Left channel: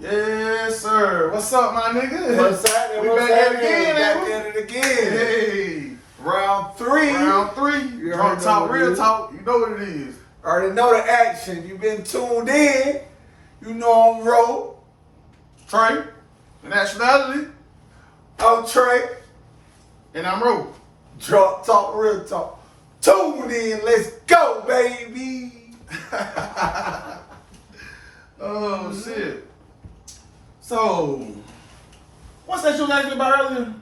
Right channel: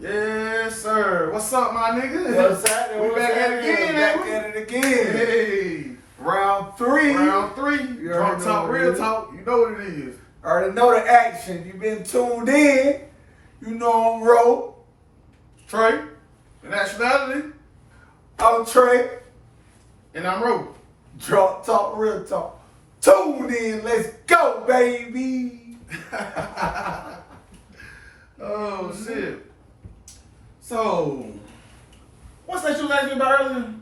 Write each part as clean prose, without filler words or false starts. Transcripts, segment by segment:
Yes, sir. What's up, my nigga? What's happening? We back at it again, Back at it again. Hey. Round three. Round three. You Drunk already know talk, what it real is. talk. You know what it is. Already know the action. You've been tuned in. You know I'm Ro. Trey, the nationality, I'm Trey. and I'm Ro. Drunk talk, real talk. Tuned in. Let's go, baby. Oh, shit. So, what's that you was asking me about earlier?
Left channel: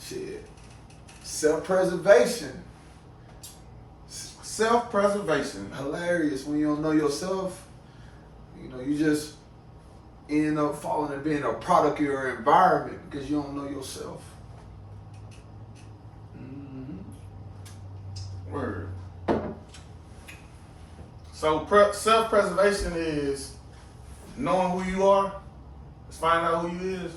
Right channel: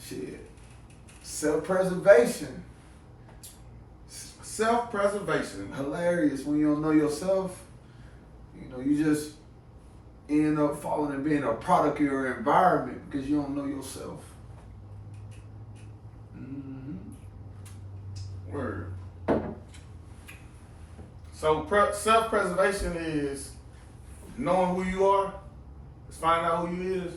Shit. Self-preservation. Self-preservation. Hilarious when you don't know yourself. You know, you just end up falling and being a product of your environment because you don't know yourself. Word. So self-preservation is knowing who you are. It's finding out who you is.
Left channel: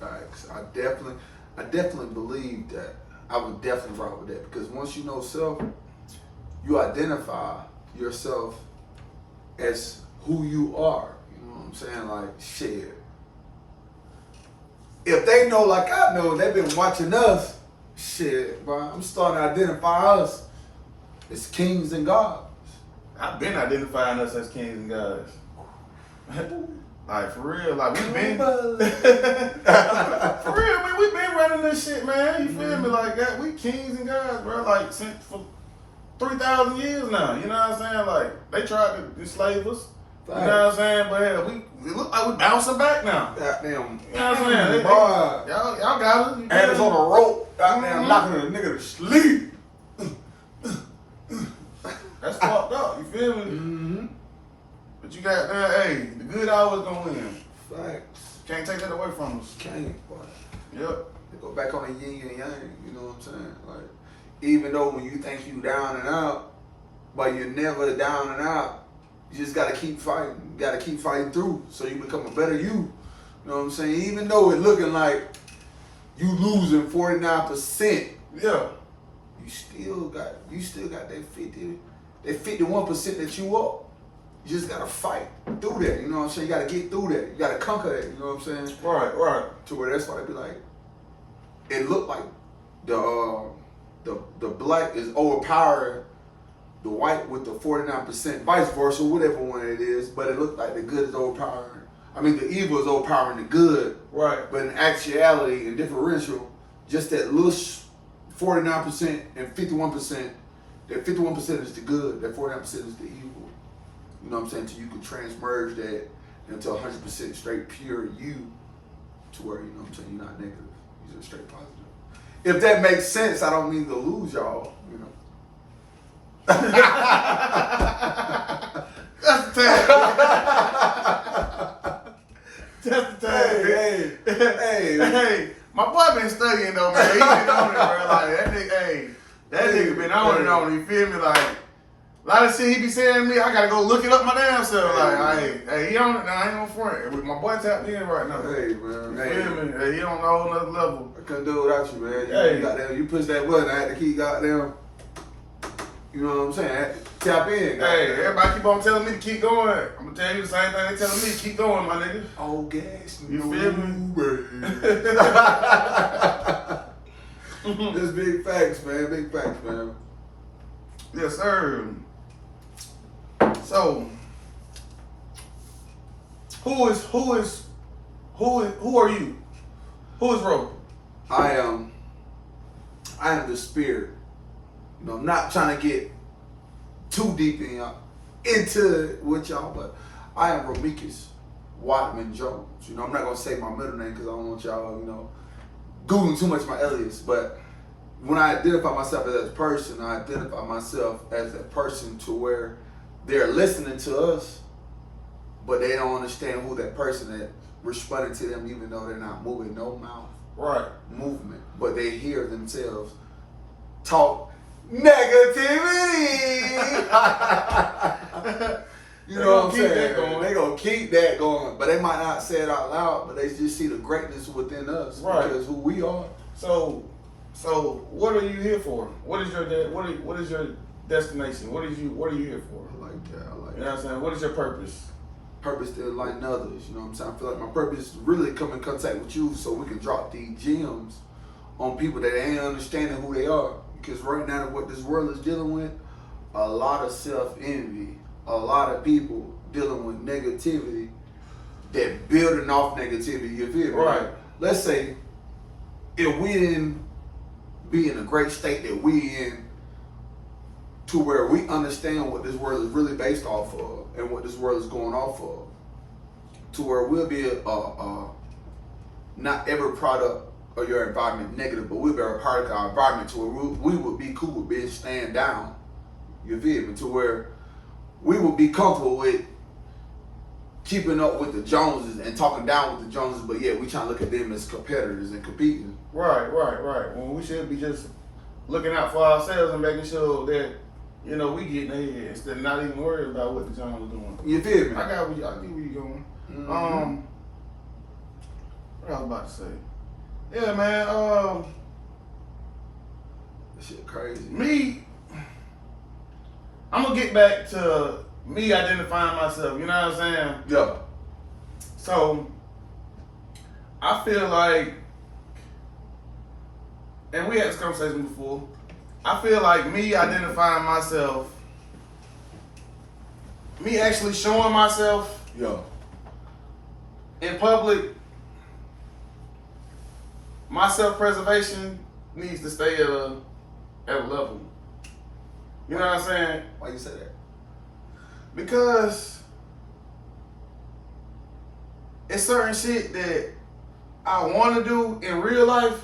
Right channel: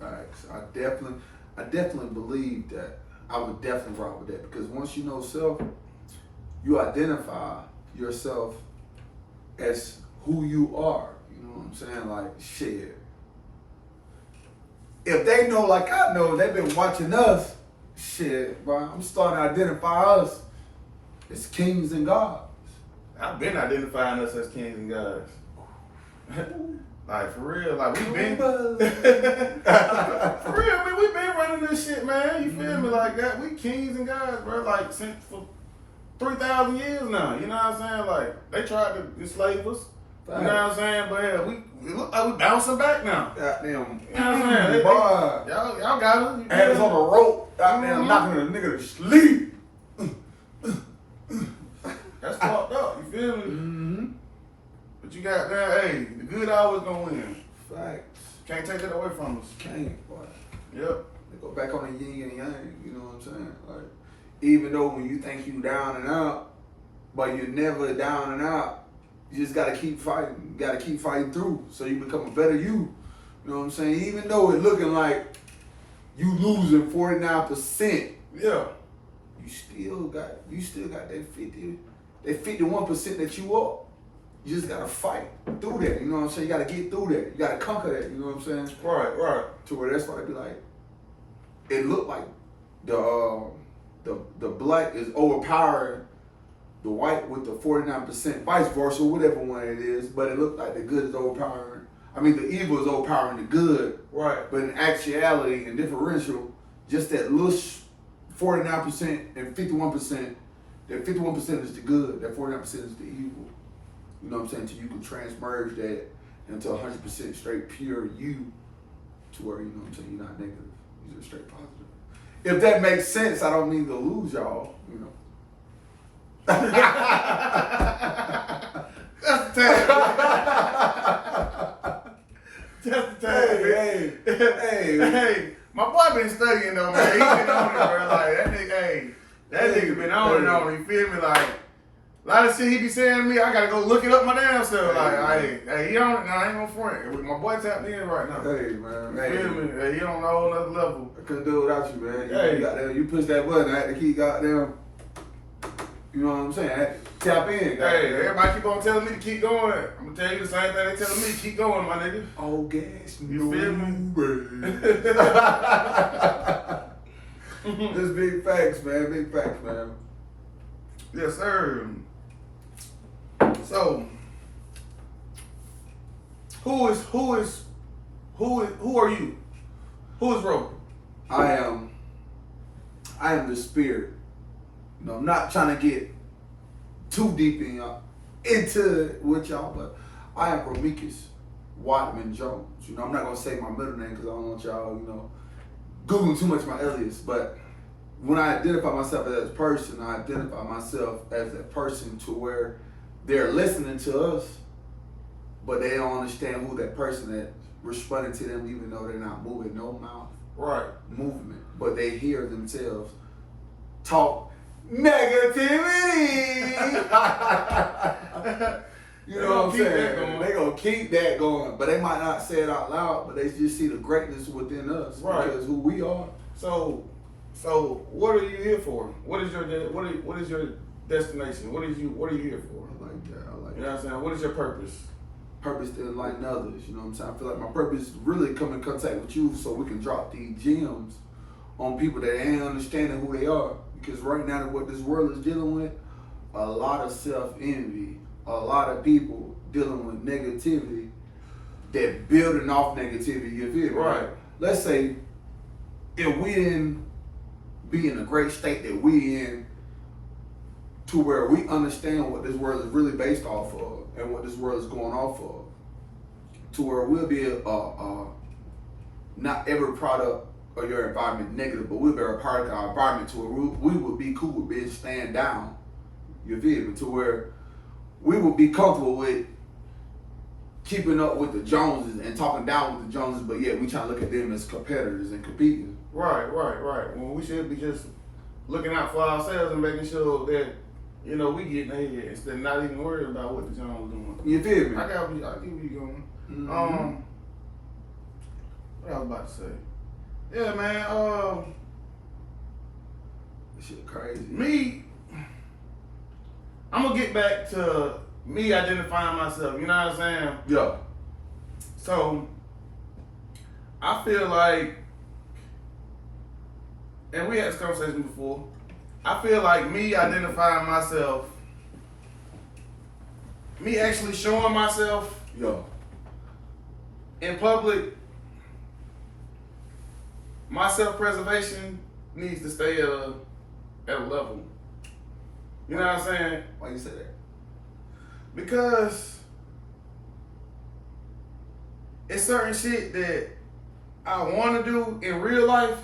Facts. I definitely believe that. I would definitely rock with that because once you know self, you identify yourself as who you are. You know what I'm saying? Like, shit. If they know like I know, they've been watching us, shit, bro, I'm starting to identify us as kings and gods. I've been identifying us as kings and gods. Like, for real. Like, we've been... For real, man, we've been running this shit, man. You feel me? Like that. We kings and gods, bro. Like, since for 3,000 years now. You know what I'm saying? Like, they tried to enslave us. You know what I'm saying? But yeah, it look like we bouncing back now. Goddamn. You know what I'm saying? Boy. Y'all got us. Hands on the rope. Goddamn, knocking a nigga to sleep. That's fucked up. You feel me? Mm-hmm. But you got that. Hey, the good always gonna win. Facts. Can't take that away from us. Can't, boy. Yep. They go back on the yin and yang, you know what I'm saying? Like, even though when you think you down and out, but you're never down and out, you just gotta keep fighting. You gotta keep fighting through so you become a better you. You know what I'm saying? Even though it's looking like you losing 49%, Yeah. you still got that 51% that you up. You just gotta fight through that. You know what I'm saying? You gotta get through that. You gotta conquer that. You know what I'm saying? Right. To where that's why they be like, it looked like the black is overpowering the white with the 49%, vice versa, whatever one it is. But it looked like the good is overpowering. I mean, the evil is overpowering the good. Right. But in actuality and differential, just that little 49% and 51%. That 51% is the good. That 49% is the evil. You know what I'm saying? Till you can transmerge that into 100% straight pure you, to where, you know what I'm saying, you're not negative. You're just straight positive. If that makes sense, I don't mean to lose y'all, you know. That's the tag. That's the tag. Hey. My boy been studying though, man. He been on it, bro. Like that nigga been on it on it. You feel me? Like a lot of shit he be saying to me, I gotta go look it up my damn self. Like, hey, he on it now. I ain't gonna front. My boy tapped in right now. Hey, man. You feel me? Hey, he on a whole nother level. I couldn't do it without you, man. Hey. You push that button, I had to keep goddamn, you know what I'm saying? I had to tap in. Hey, everybody keep on telling me to keep going. I'm gonna tell you the same thing they telling me to keep going, my nigga. Oh, gas. You feel me? Just big facts, man. Big facts, man. Yes, sir. So, who are you? Who is Ro? I am the spirit. You know, not trying to get too deep into it with y'all, but I am Romekus Wadman Jones. You know, I'm not gonna say my middle name because I don't want y'all, you know, Googling too much my alias. But when I identify myself as a person, I identify myself as that person to where they're listening to us, but they don't understand who that person is responding to them, even though they're not moving no mouth movement, but they hear themselves talk negativity. You know what I'm saying? They gonna keep that going, but they might not say it out loud, but they just see the greatness within us because who we are. So what are you here for? What is your destination? What are you here for? I like that. I like You know what I'm saying? What is your purpose? Purpose to enlighten others. You know what I'm saying? I feel like my purpose is really come in contact with you so we can drop these gems on people that ain't understanding who they are. Because right now, what this world is dealing with, a lot of self-envy, a lot of people dealing with negativity that building off negativity, you feel me? Right. Let's say if we didn't be in a great state that we in to where we understand what this world is really based off of and what this world is going off of, to where we'll be not every product of your environment negative, but we'll be a part of our environment to where we would be cool with being stand down, you feel me? To where we would be comfortable with keeping up with the Joneses and talking down with the Joneses, but yeah, we trying to look at them as competitors and competing. Right. When we should be just looking out for ourselves and making sure that, you know, we getting ahead instead of not even worrying about what the Jones is doing. You feel me? I get where you going. Mm-hmm. What I was about to say. Yeah, man. This shit crazy. Me, I'm gonna get back to me identifying myself. You know what I'm saying? Yeah. So I feel like, and we had this conversation before, I feel like me identifying myself, me actually showing myself Yeah. in public, my self-preservation needs to stay at a level. You know what I'm saying? Why you say that? Because it's certain shit that I want to do in real life.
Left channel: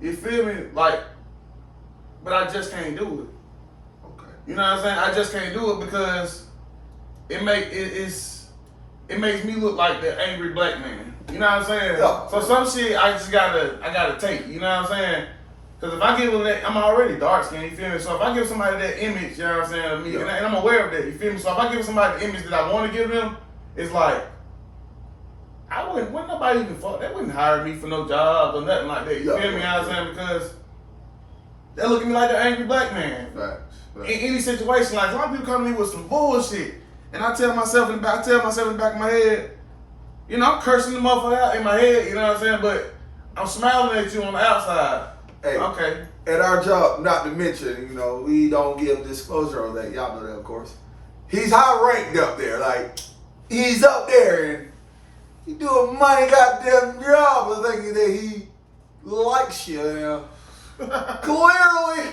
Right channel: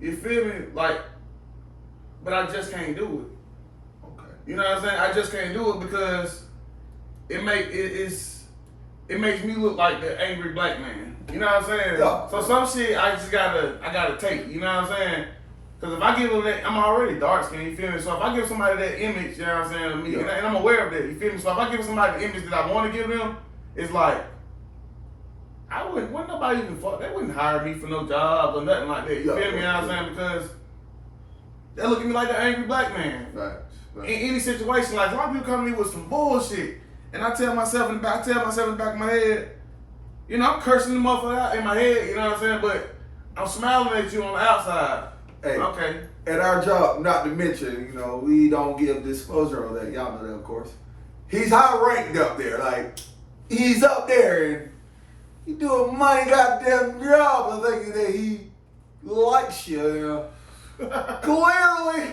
You feel me? Like, but I just can't do it. Okay. You know what I'm saying? I just can't do it because it makes me look like the angry black man. You know what I'm saying? Yeah. So some shit I gotta take. You know what I'm saying? Because if I give them that, I'm already dark skinned, you feel me? So if I give somebody that image, you know what I'm saying, of me, Yeah. and I'm aware of that, you feel me? So if I give somebody the image that I want to give them, it's like, wouldn't nobody even fuck, they wouldn't hire me for no job or nothing like that, you Yeah, feel me? You know what I'm saying? Because they look at me like the angry black man. Facts. In any situation, like a lot of people come to me with some bullshit, and I tell myself in the back of my head, you know, I'm cursing the motherfucker out in my head, you know what I'm saying? But I'm smiling at you on the outside. Hey, Okay. at our job, not to mention, you know, we don't give disclosure on that. Y'all know that, of course. He's high ranked up there. Like, he's up there and he doing money goddamn job of thinking that he likes you, you know. Clearly.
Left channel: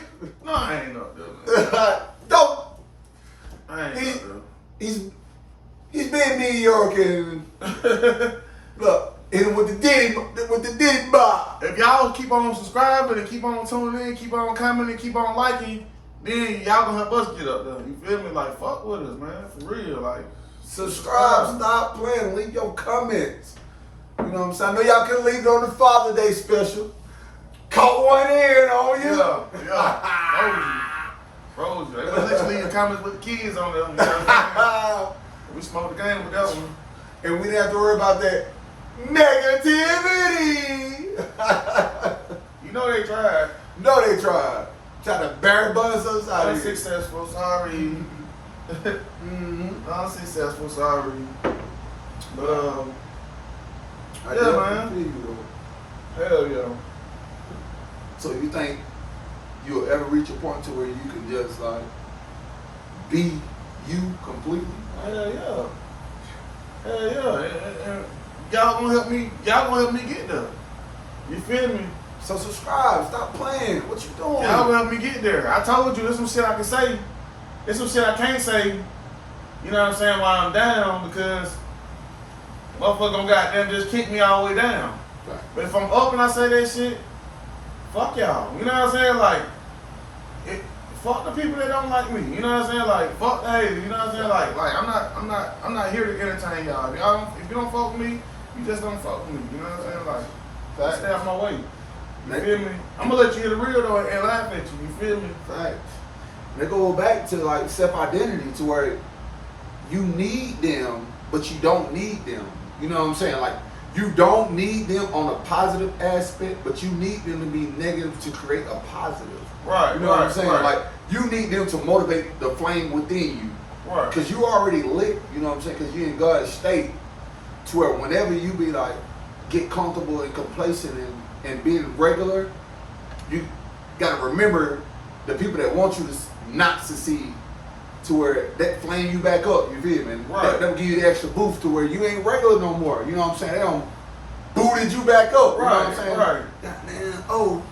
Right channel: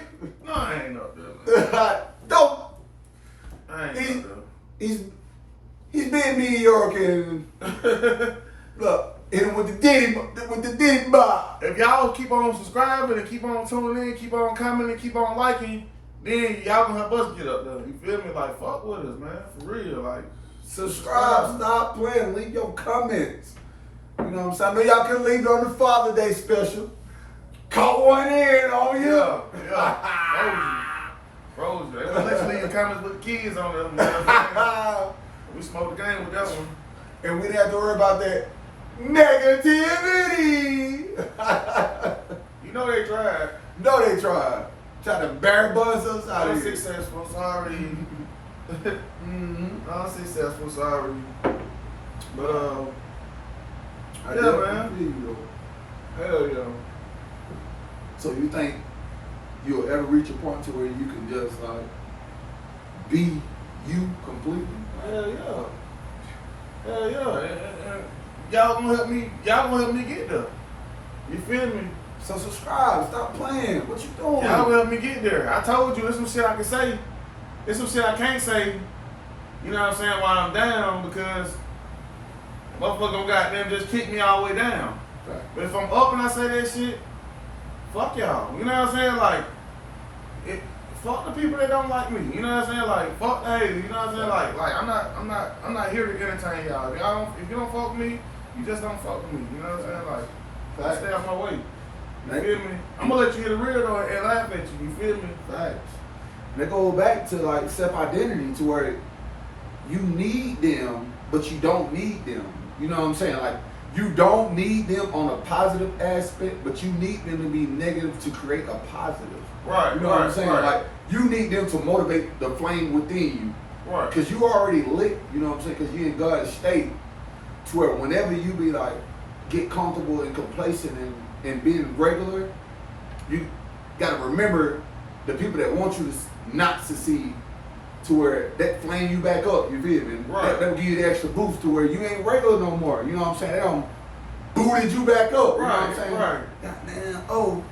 No, I ain't up there, man. Don't. I ain't He- up He's being mediocre and look, and with the Diddy Bob. If y'all keep on subscribing and keep on tuning in, keep on commenting, keep on liking, then y'all gonna help us get up there. You feel me? Like, fuck with us, man. For real. Like, Subscribe, stop playing, leave your comments. You know what I'm saying? I know y'all could leave it on the Father's Day special. Caught one in on you. yeah. Frozen. They would let you leave your comments with the kids on them. You know what I'm saying? We smoked the game with that one. And we didn't have to worry about that negativity. You know they tried. No, they tried. Tried to Barry Bonds us out of here. Unsuccessful, sorry. Mm-hmm. Unsuccessful, sorry. But, I yeah, definitely man. feel you, though. Hell yeah. So you think you'll ever reach a point to where you can just like be you completely? Hell yeah. Hell yeah. And y'all gonna help me get there. You feel me? So subscribe, stop playing. What you doing? Y'all gonna help me get there. I told you there's some shit I can say. There's some shit I can't say. You know what I'm saying, while I'm down, because motherfucker gonna goddamn just kick me all the way down. Right. But if I'm up and I say that shit, fuck y'all. You know what I'm saying? Like, fuck the people that don't like me. You know what I'm saying? Like, fuck the haters. You know what I'm saying? Like I'm not here to entertain y'all. If you don't fuck with me, you just don't fuck with me. You know what I'm saying? Like, Facts. stay off my way. You Right. feel me? I'm gonna let you hear the real though and laugh at you. You feel me? Facts. And they go back to like self-identity to where you need them, but you don't need them. You know what I'm saying? Like You don't need them on a positive aspect, but you need them to be negative to create a positive. Right. You know what I'm saying? Right. Like, you need them to motivate the flame within you. Right. Because you already lit, you know what I'm saying? Because you in God's state to where whenever you be like, get comfortable and complacent and being regular, you got to remember the people that want you to not succeed to where that flame you back up, you feel me? Right. That'll give you the extra boost to where you ain't regular no more, you know what I'm saying? They don't booted you back up, you know what I'm saying? Right. Goddamn, oh,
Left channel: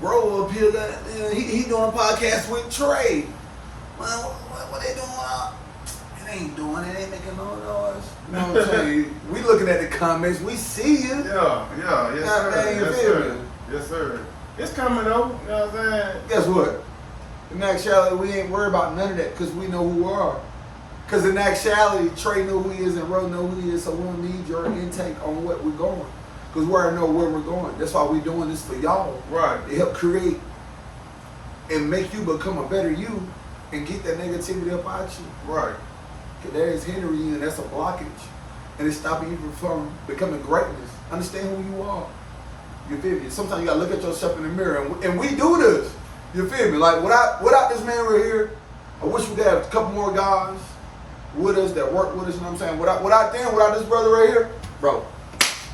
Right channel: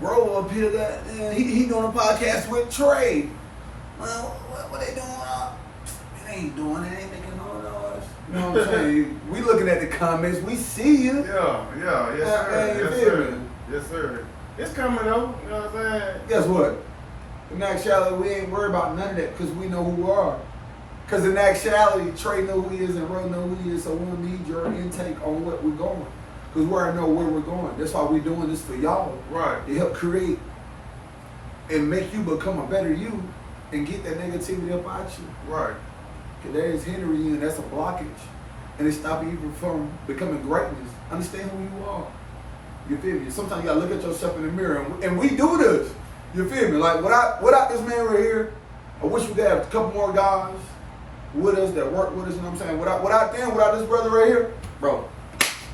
bro up here, goddamn, he doing a podcast with Trey. Well, what they doing? It ain't doing it, ain't making no noise. You know what I'm saying? We looking at the comments, we see you. Yeah, yes Yeah, sir. man, you Yes feel sir. me? Yes sir. It's coming though, you know what I'm saying? Guess what? In actuality, we ain't worried about none of that because we know who we are. Because in actuality, Trey know who he is and Ro know who he is, so we don't need your intake on what we're going. Because we already know where we're going. That's why we're doing this for y'all. Right. To help create and make you become a better you and get that negativity up out you. Right. Because that is hindering you and that's a blockage. And it's stopping you from becoming greatness. Understand who you are. You feel me? Sometimes you gotta look at yourself in the mirror, and we do this. You feel me? Like without this man right here, I wish we could have a couple more guys with us that work with us. You know what I'm saying? Without this brother right here, bro,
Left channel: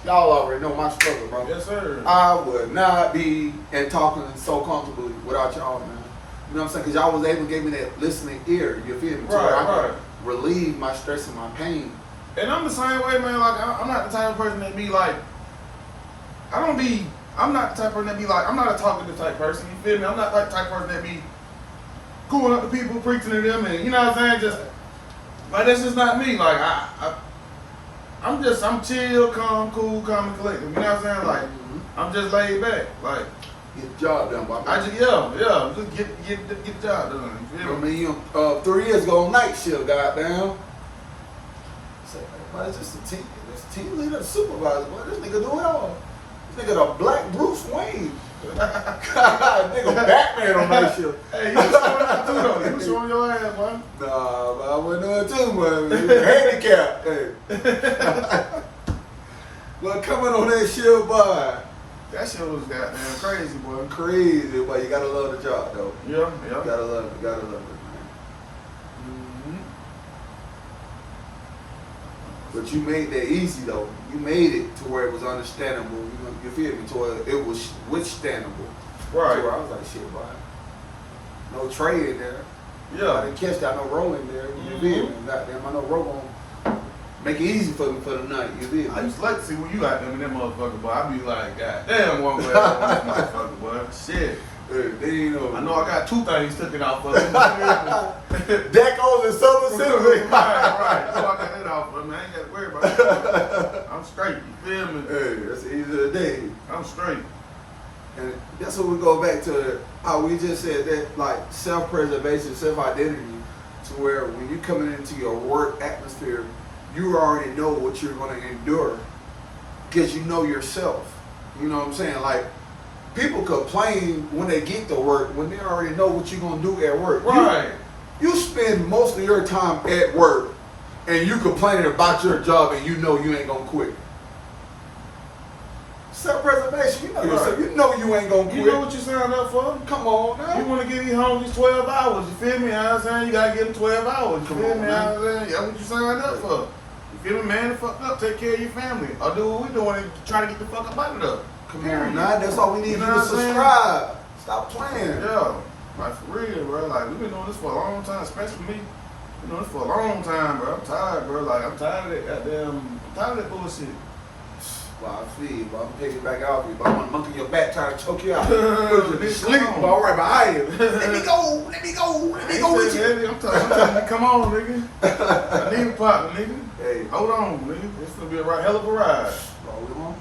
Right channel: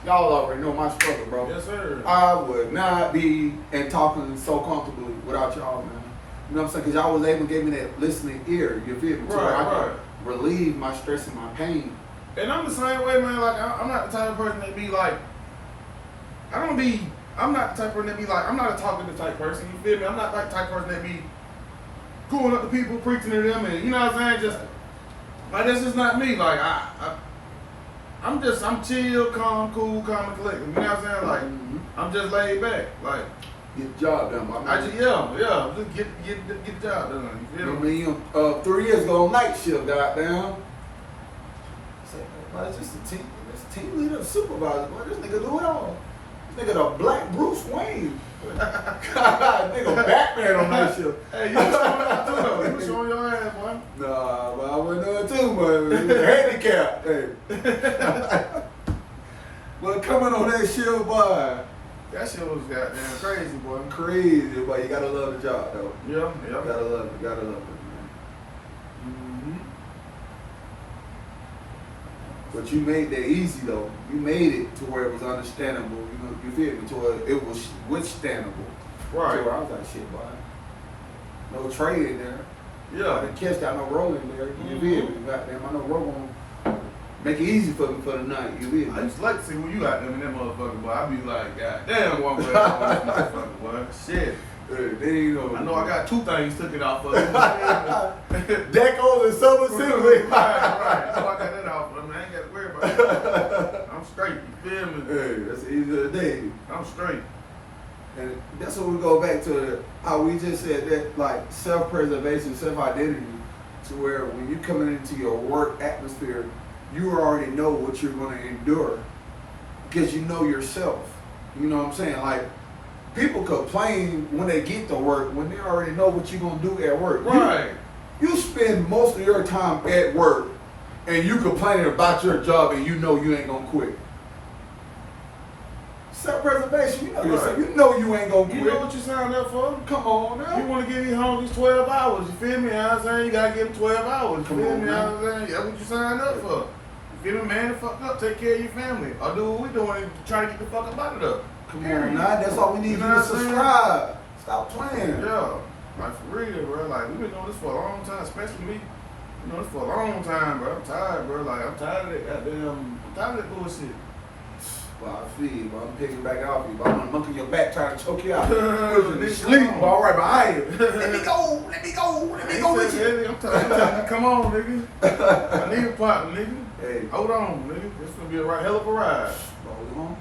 y'all already know my struggle, bro. Yes sir. I would not be and talking so comfortably without y'all, man. You know what I'm saying? Because y'all was able to give me that listening ear. You feel me? So Right, I can right. relieve my stress and my pain. And I'm the same way, man. Like I'm not the type of person that be like, I'm not the type of person that be like, I'm not a talkative type person. You feel me? I'm not like the type of person that be going up to people, preaching to them, and you know what I'm saying? Just like that's just not me. Like I'm chill, calm, cool, calm and collected. You know what I'm saying? Like I'm just laid back. Like Get the job done, boy. just get the job done. You feel I me? mean, 3 years ago on night shift, goddamn. Say, man, it's just a team leader, the supervisor. Boy, this nigga do it all. This nigga the black Bruce Wayne. God, nigga Batman on night shift. Hey, you was showing that too though. You was showing your ass, boy. Nah, but I wasn't doing it too much. Handicap. Hey. But coming on that shift, boy. That shit was goddamn crazy, boy. Crazy, but you gotta love the job, though. Yeah. You gotta love it, man. Mm-hmm. But you made that easy, though. You made it to where it was understandable. You feel me? To where it was withstandable. Right. To where I was like, shit, boy. No trade in there. Yeah. I didn't catch that. No roll in there. You feel me? Goddamn, I know roll gonna make it easy for me for the night. You feel me? I used to like to see when you out there in that motherfucker, boy. I be like, God damn, one way on that motherfucker, boy. Shit. They ain't know. I know I got 2 things taken off of it. Decos and Summer Civic. Right. So I got that off of me. I ain't got to worry about that. I'm straight. You feel me? Hey, that's the easy of the day. I'm straight. And that's what we go back to how we just said that, like, self-preservation, self-identity, to where when you're coming into your work atmosphere, you already know what you're going to endure because you know yourself. You know what I'm saying? Like, people complain when they get to work when they already know what you're going to do at work. Right. You spend most of your time at work and you complaining about your job and you know you ain't going to quit. Self-preservation, you know yourself. You know you ain't gonna quit. You know what you signed up for? Come on now. You want to get these home these 12 hours. You feel me? You know what I'm saying? You got to get them 12 hours. You Come feel on, me? man. You know what I'm saying? That's what you signed up for. You feel me? Man, the fuck up. Take care of your family. Or do what we doing and try to get the fuck up out of there. Come on now. That's all we need You you know to what I'm saying? subscribe. Stop playing. Yeah. Like, for real, bro. Like, we've been doing this for a long time, especially me. Been doing this for a long time, bro. I'm tired, bro. Like, I'm tired of that goddamn, I'm tired of that bullshit. Well, I feel you, but I'm picking back off you, but I'm gonna monkey your back trying to choke you out. Bitch, Sleep, come on. but all right behind you. Let me go with you. I'm telling you, come on, nigga. I need a partner, nigga. Hey, Hold on, nigga. This gonna be a hell of a ride. roll on.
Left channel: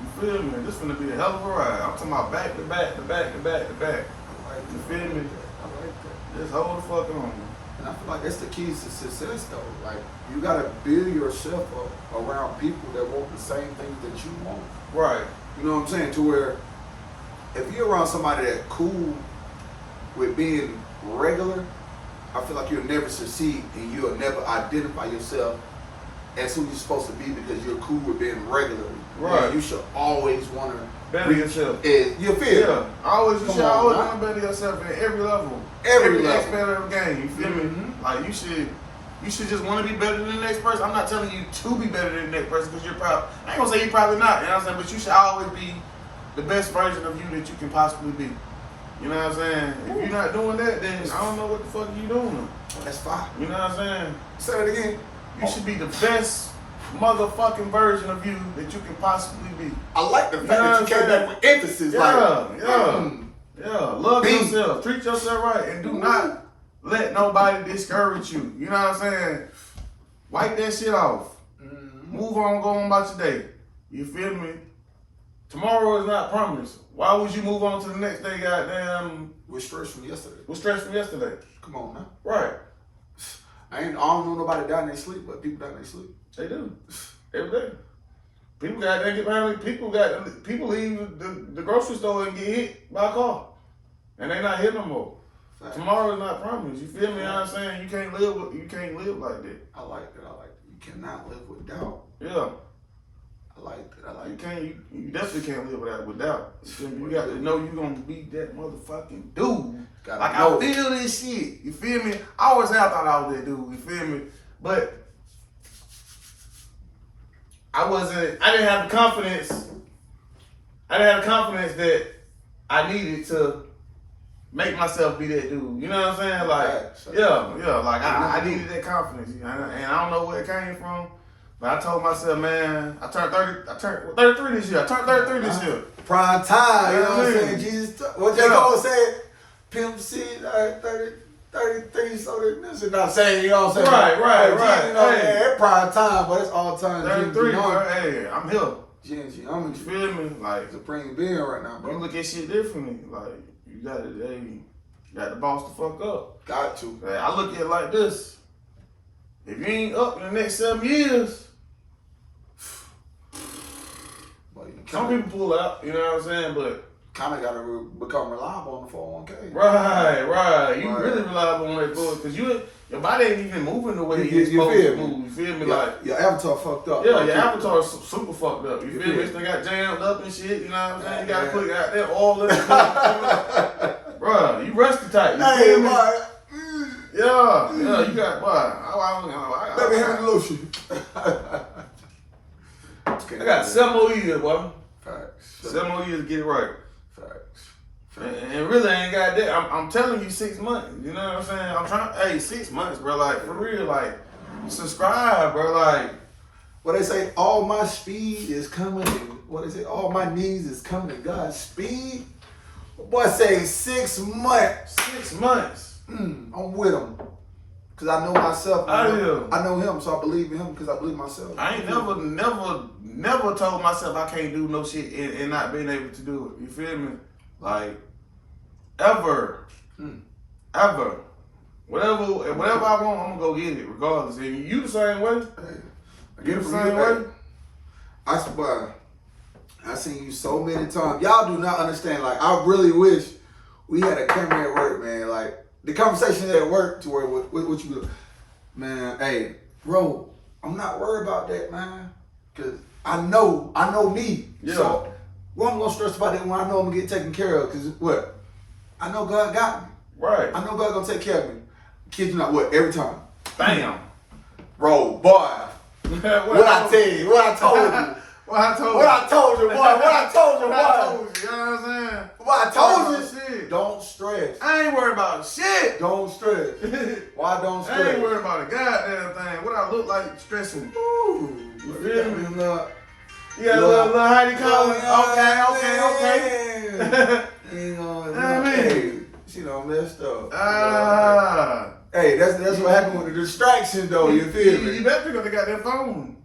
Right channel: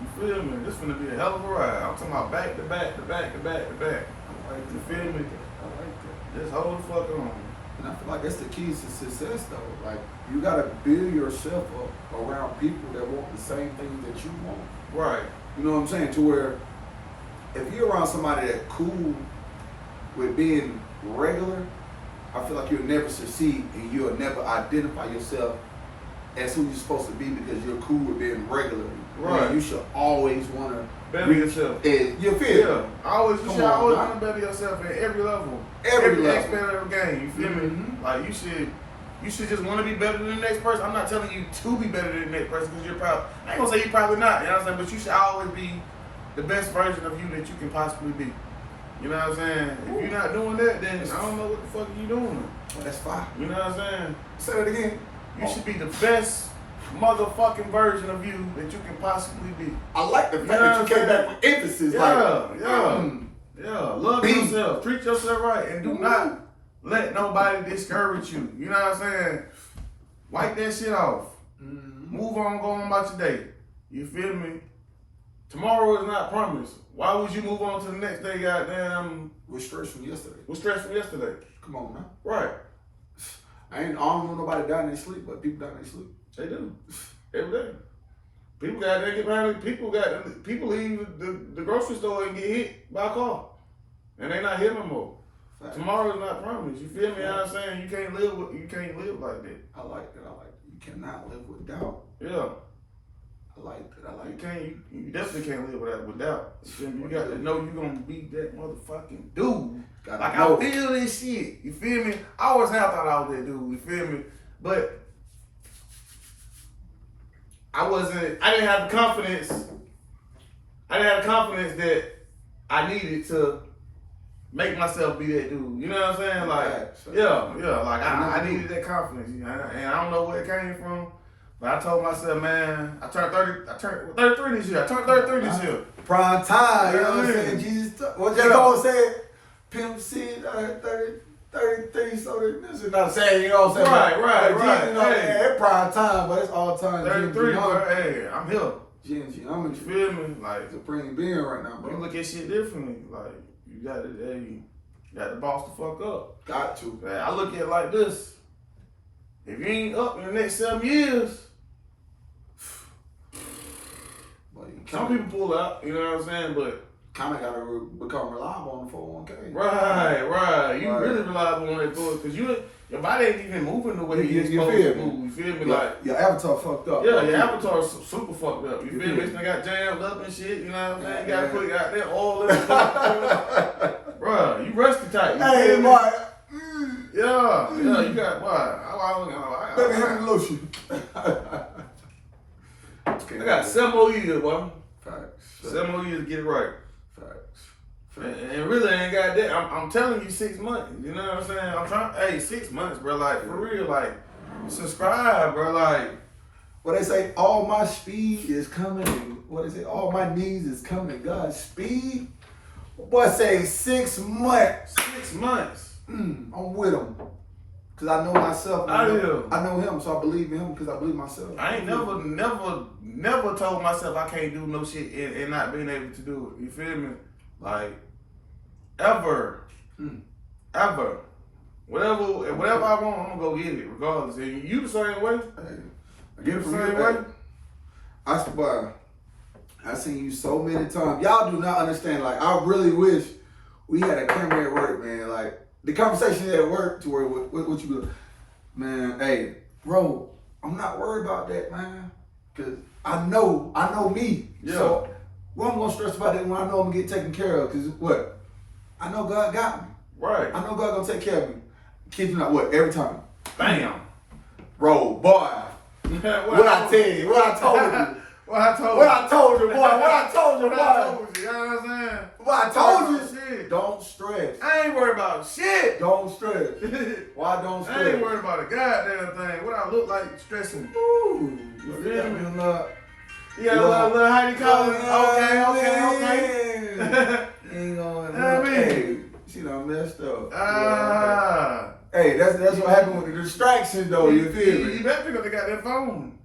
You feel me? This gonna be a hell of a ride. I'm talking about back to back to back to back to back. You feel me? I like that. Just hold the fuck on. And I feel like that's the keys to success, though. Like, you gotta build yourself up around people that want the same things that you want. Right. You know what I'm saying? To where if you're around somebody that's cool with being regular, I feel like you'll never succeed and you'll never identify yourself as who you're supposed to be because you're cool with being regular. Right. And you should always want to better yourself. You feel? Yeah. You Come should on, always man. want to better yourself at every level. Every level. aspect of the game. You feel me? Like you should just want to be better than the next person. I'm not telling you to be better than the next person because you're probably, I ain't gonna say you're probably not, you know what I'm saying? But you should always be the best version of you that you can possibly be. You know what I'm saying? If you're not doing that, then I don't know what the fuck you doing. That's fine. You know what I'm saying? Say that again. You should be the best motherfucking version of you that you can possibly be. I like the fact You know that you what came I'm back saying? with emphasis. Yeah. Love Be. yourself. Treat yourself right. And do not let nobody discourage you. You know what I'm saying? Wipe that shit off. Move on, go on about your day. You feel me? Tomorrow is not promised. Why would you move on to the next day, goddamn, With stress from yesterday. with stress from yesterday? Come on, man. Right. I don't know nobody die in their sleep, but people die in their sleep. They do. Every day. People got they get behind people leave the grocery store and get hit by a car. And they not here no more. Fact. Tomorrow is not promised. You feel me? You know what I'm saying? You can't live like that. I like that. You cannot live with doubt. Yeah. I like that. You can't. You definitely can't live without. You feel me? You got to know you're gonna be that motherfucking dude. Gotta Like know. I feel this shit. You feel me? I always have thought I was that dude. You feel me? But I didn't have the confidence. I didn't have the confidence that I needed to make myself be that dude. You know what I'm saying? Like, yeah. Like I needed that confidence. You know? And I don't know where it came from. But I told myself, man, I turned 33 this year. I turned 33 this year. Prime time, you know what I'm Yeah. saying? Jesus, what J. Cole said, Pimp C, 33, so this is not saying, you know what I'm saying? Right. You know, Hey. it's prime time, but it's all time. 33, bro. Hey, I'm here. G&G, I'm You in feel me? Like, supreme being right now, you bro. look at shit differently. Like, you got to boss the fuck up. Got to. Like, I look at it like this. If you ain't up in the next 7 years, But you some people pull out, you know what I'm saying? But kind of got to become reliable on the 401k. right. You Right. really reliable on that bull because your body ain't even moving the way You it's supposed feel to me? move. You feel me? Yeah, Like, your avatar fucked up. yeah, bro. your avatar's super fucked up. You feel me? Yeah. This thing got jammed up and shit. You know what I'm saying? You Yeah. gotta put out there all in it. Bruh, you rusty tight. You Hey, feel me? boy. Yeah, you got what? I Let me have the lotion. I got 7 more years, boy. Facts. 7 more years to get it right. Facts. And really ain't got that. I'm telling you 6 months. You know what I'm saying? I'm trying. Hey, 6 months, bro. Like for real. Like subscribe, bro. Like What they say, all my speed is coming. What is it? All my needs is coming to God's speed. Boy, say 6 months. 6 months. I'm with him. Cause I know myself. I do. I know him, so I believe in him because I believe myself. I ain't never told myself I can't do no shit and not being able to do it. You feel me? Like ever. Ever. Whatever I want, I'm gonna go get it, regardless. And you the same way. Hey, I You get it the from same you. way. I swear, I seen you so many times. Y'all do not understand. Like, I really wish we had a camera at work, man. Like, the conversation at work to where what you do. Man, hey, bro, I'm not worried about that, man. Cause I know me. Yeah. So, well, I'm gonna stress about that when I know I'm gonna get taken care of. Cause what? I know God got me. Right. I know God gonna take care of me. Kids, you know what? Every time. Bam. Bro, boy. What I tell you, what I told you. What I told What I told you, boy. What I told you, What I boy. told you, you know what I'm saying? What I told you. Shit. Don't stress. I ain't worried about shit. Don't stress. Why don't I stress? ain't worried about a goddamn thing. What I look like stressing. Ooh, You feel me? You You got a little how you call it? Okay. Ain't gonna, I mean. hey, she done messed up. Ah. Hey, that's what happened with the distraction, though. You feel You me? better pick up the goddamn phone.